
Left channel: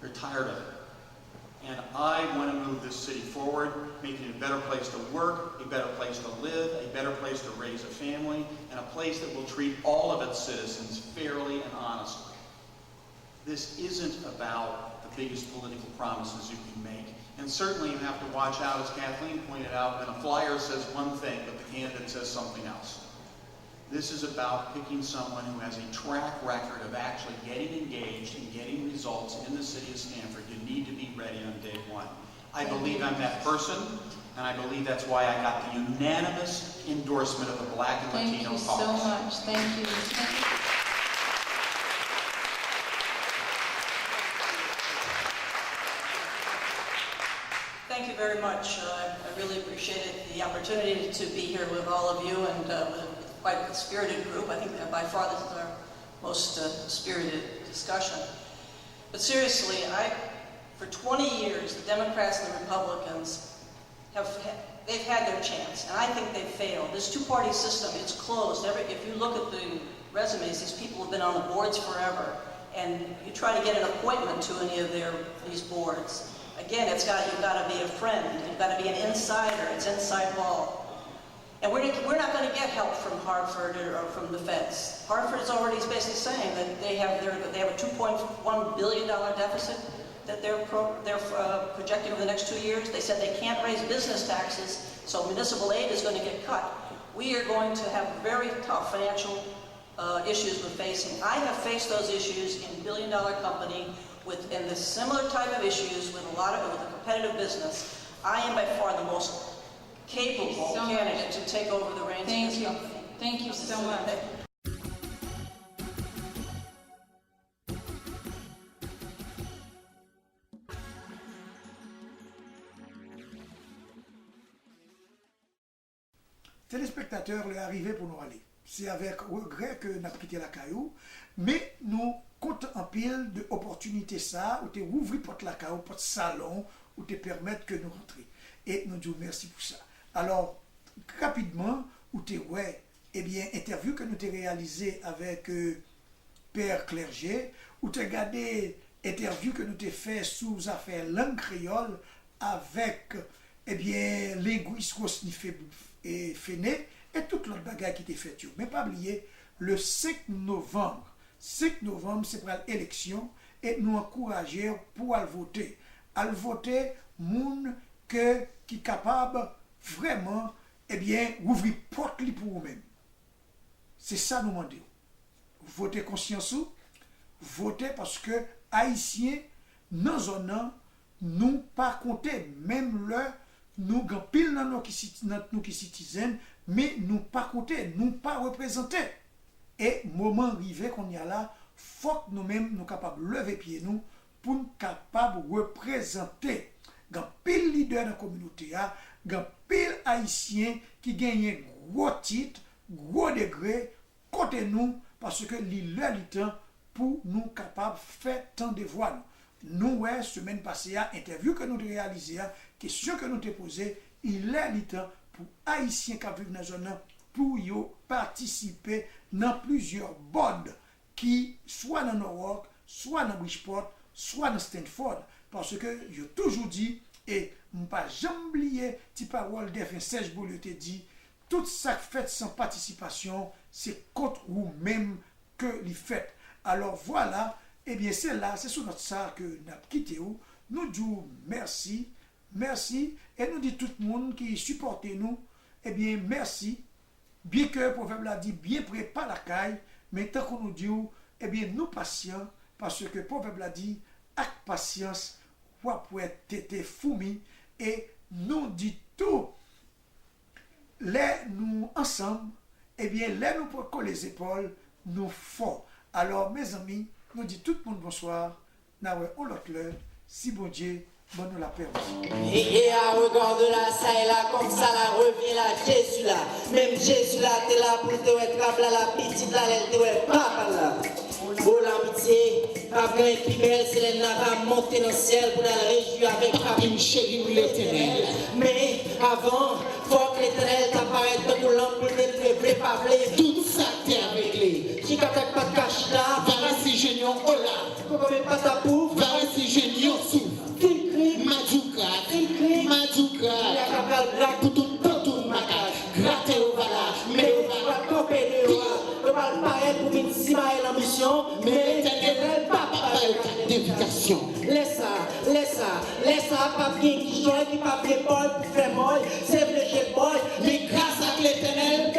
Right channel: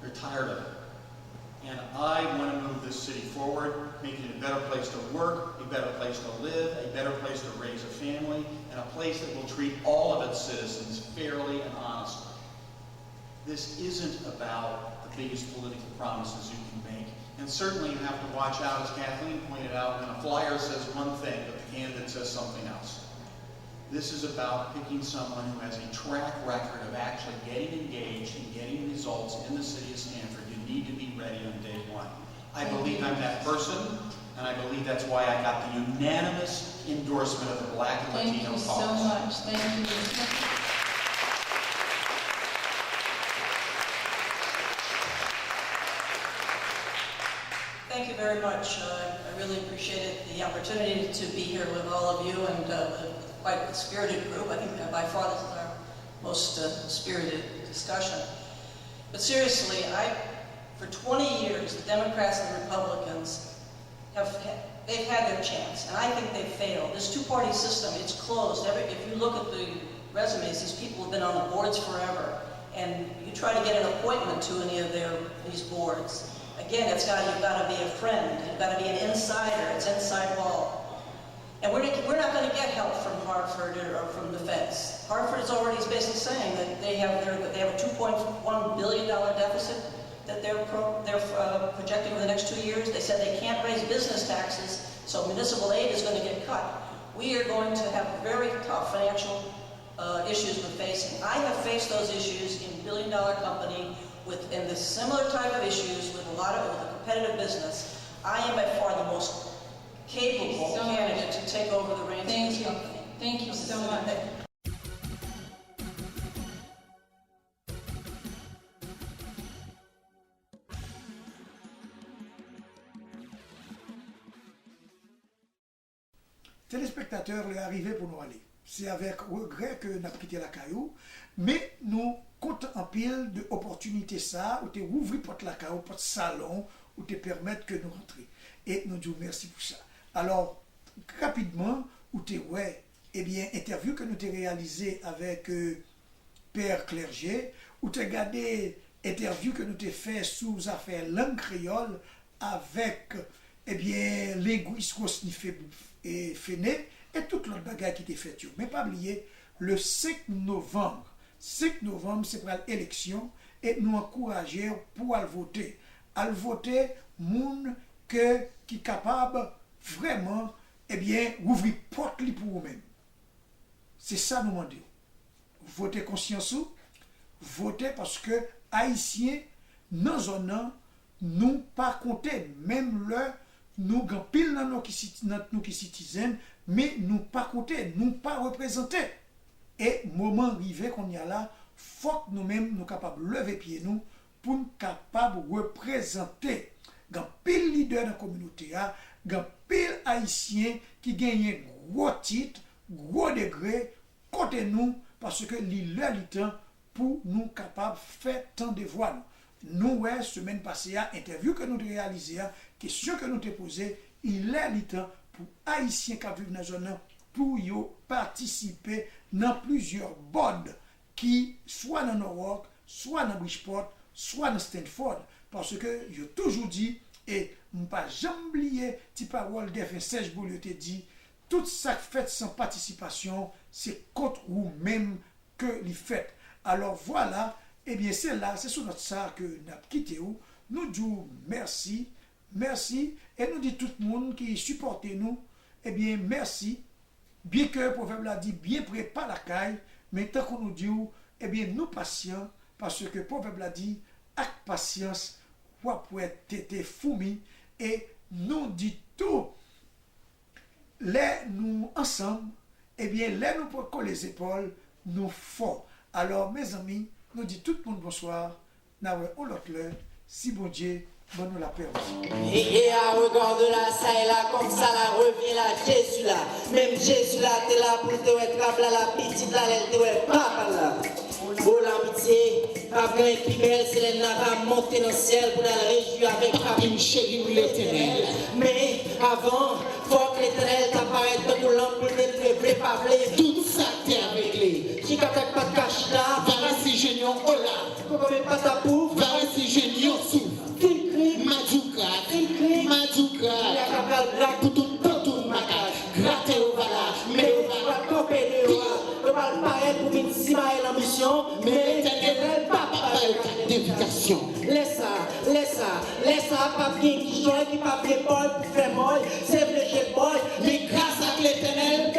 They're tired of it. And I want to move this city forward, making it a better place to work, a better place to live, a better place to raise a family, and a place that will treat all of its citizens fairly and honestly. This isn't about the biggest political promises you can make. And certainly you have to watch out, as Kathleen pointed out, when a flyer says one thing, but the candidate says something else. This is about picking someone who has a track record of actually getting engaged and getting results in the city of Stanford. You need to be ready on day one. I believe I'm that person, and I believe that's why I got the unanimous endorsement of the Black and Latino caucus. Thank you so much. Thank you. Thank you very much. I really appreciated the opportunity to be here with all of you and quite a spirited group. I think by far this is our most spirited discussion. But seriously, for 20 years, the Democrats and the Republicans they've had their chance, and I think they've failed. This two-party system, it's closed. If you look at the resumes, these people have been on the boards forever, and you try to get an appointment to any of these boards. Again, you've got to be a friend. You've got to be an insider. It's inside wall. And we're not going to get help from Hartford or from the feds. Hartford is already basically saying that they have a $2.1 billion deficit that they're projecting over the next 2 years. They said they can't raise business taxes, so municipal aid is going to get cut. We are going to have very tough financial issues we're facing. I have faced those issues in billion-dollar company in the similar type of issues with a competitive business. I am by far the most capable candidate to take over the reins of this company. Thank you so much. Téléspectateurs, il est arrivé pour nous aller. C'est avec regret que nous avons quitté la caillou, mais nous comptons en pile de opportunités ça, où tu ouvres porte la caillou, porte salon, où te permettre que nous rentrions. Et nous disons merci pour ça. Alors, rapidement, où tu interview que nous avons réalisé avec Père Clerget, où tu as regardé interview que nous avons fait sous affaire langue créole avec, linguiste Rosnifé et Féné, et toute l'autre bagaille qui était faite. Mais pas oublier, le 5 novembre, 5 novembre, c'est pour l'élection et nous encourager pour aller voter. Aller voter, moun que qui capable vraiment, eh bien, ouvrir porte pour vous-même. C'est ça nous demandons. Votez conscience ou, votez parce que Haïtiens, dans zone, nous pas compter, même le nous avons pile dans nous qui citoyens, mais nous pas compter, nous pas représenter. Et moment arrivé qu'on y a là, faut que nous-mêmes nous capables de lever pied nous pour nous capables de représenter. Il y a pile leader dans la communauté, il y a pile haïtien qui gagne gros titre, gros degré côté nous parce que l'heure du temps pour nous capables de faire tant de voix. Nous, ouais, semaine passée, interview que nous avons réalisée, question que nous avons posée, il est le temps pour Haïtiens qui vivent dans la zone pour participer dans plusieurs boards qui, soit dans Norwalk, soit dans Bridgeport, soit dans Stanford. Parce que j'ai toujours dit, et je ne pas jamais oublier, petit parole d'F1 Serge Beaulieu te dit, tout ça fait sans participation, c'est contre vous-même que les faites. Alors voilà, eh bien c'est là, c'est sur notre ça que nous avons quitté. Nous disons merci, merci, et nous disons tout le monde qui supporte nous, eh bien merci, bien que le proverbe l'a dit, bien prêt pas la caille, mais tant qu'on nous dit, eh bien nous patients, parce que le proverbe l'a dit, avec patience, vous pouvez être fourmi, et nous dit tout, les nous ensemble, eh bien les nous pouvons coller les épaules, nous forts. Alors mes amis, nous dit tout le monde bonsoir, on l'autre l'heure, si bon Dieu, bon nous la paix. Et à regard de la ça et là, comme ça, la revient là, Jésus là. Même Jésus là, t'es là pour te être là, la petite là, elle te être papa là. Oh l'amitié, après qui belle, c'est elle va monter dans le ciel pour la réjouir avec une chérie ou l'éternel. Mais avant, faut que l'éternel t'apparaisse dans ton lampe pour te préparer tout ça t'es avec lui. Qui n'a pas de cache là, va si génion, oh là. Pourquoi même pas ta pouf, va si génion sous. Madouka, pour tout maca, gratter au vala, mais on va couper de roi, on va le paraître pour une sima et l'ambition, mais l'éternel pas d'éducation. Laisse ça, pas bien qui joue, qui pas bien Paul, pour faire molle, c'est le jeu boy, mais grâce à l'éternel,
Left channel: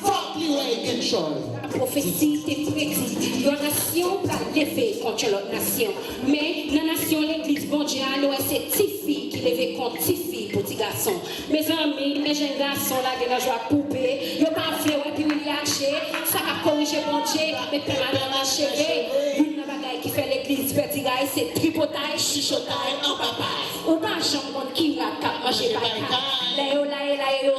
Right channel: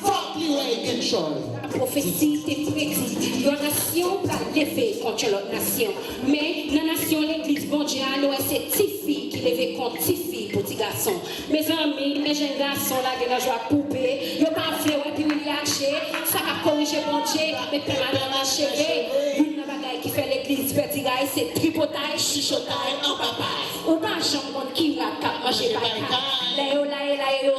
fuck you again, chose. La prophétie est prédite. La nation va lever contre l'autre nation. Mais dans la nation, l'église, bon Dieu, c'est Tifi qui lève contre Tifi, petit garçon. Mes amis, mes jeunes garçons, là, qui ont joué à poupée, ils ont pas fait, et puis ils ont lâché. Ça a corrigé bon Dieu, mais puis madame a chérie. Une bagaille qui fait l'église, petit gars, c'est tripotaille, chuchotaille, en papa. Ou pas, j'en compte qui va cap manger par là,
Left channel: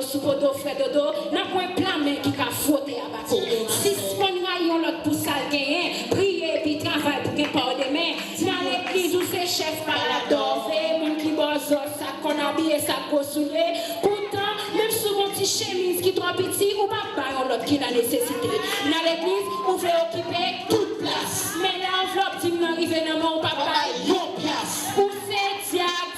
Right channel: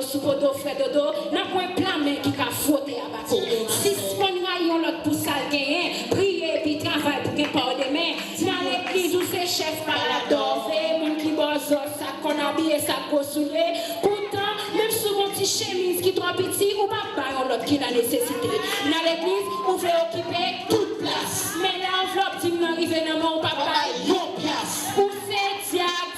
sous poteau, frère dodo, n'a pas un plan, mais qui a frotté à battre. Si on a l'autre pour ça, prier, puis travailler pour qu'il n'y ait pas de main. Si dans l'église, où c'est chef par la dose, mon qui bosse, ça qu'on a habillé, ça qu'on soulé. Pourtant, même sous mon petit chemise qui est trop petit, ou pas par l'autre qui a nécessité. Dans l'église, on veut occuper toute place. Mais l'enveloppe, si nous arrivons dans mon papa, yon place. Pour ces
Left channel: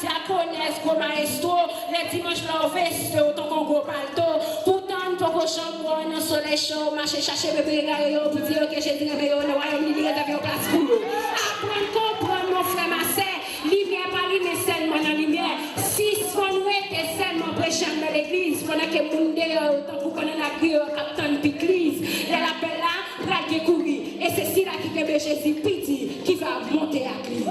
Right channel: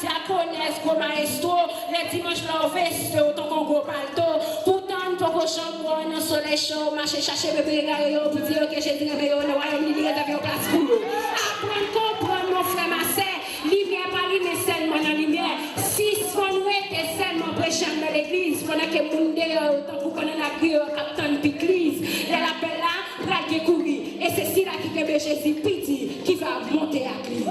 diaconesse, comme maestro, les dimanches là, au veste, autant qu'on go palto. Pourtant, pour vos chambres, dans le soleil chaud, marcher chercher bébé garé, pour dire que j'ai dit que le royaume il y a une place pour nous. Apprendre, comprendre, mon frère, ma sœur, lumière par lumière, seulement dans la lumière. Si ce qu'on nous était seulement prêchant dans l'église, pendant que le monde est autant pour qu'on ait la criée au capitaine d'église, l'appel là, là qui courir. Et c'est ci là qui est Jésus petit qui va monter à lui.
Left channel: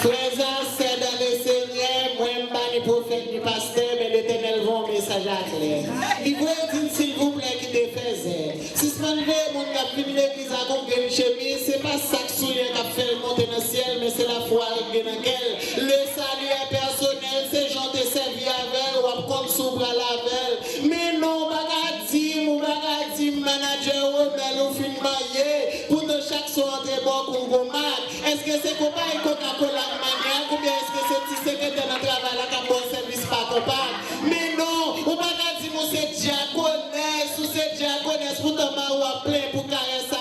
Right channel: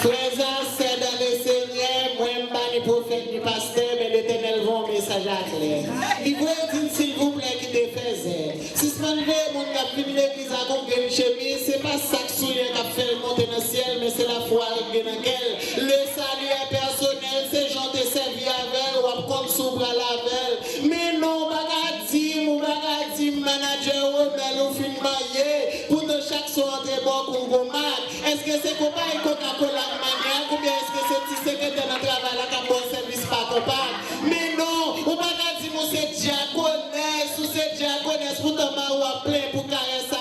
Frères, c'est dans le Seigneur, moi, je ne suis pas ni prophète ni pasteur, mais l'Éternel va un message à clair. Il veut dire, s'il vous plaît, qui te faisait. Si ce n'est pas mon qui a pris l'église à une chemise, ce n'est pas ça qui a fait monter dans le ciel, mais c'est la foi dans laquelle le salut est personnel, c'est gens te servi avec, ou comme s'ouvre à la velle. Mais non, bagadi, manager, mais nous fin maillé, pour de chaque soir de bon pour est-ce que c'est qu'on va Coca-Cola maniaque ou bien est-ce que c'est petit secrétaire dans le travail là qui a bon service pas compagnie? Mais non, on va dire que c'est diaconesse ou c'est diaconesse pour te m'avoir plein pour carrer ça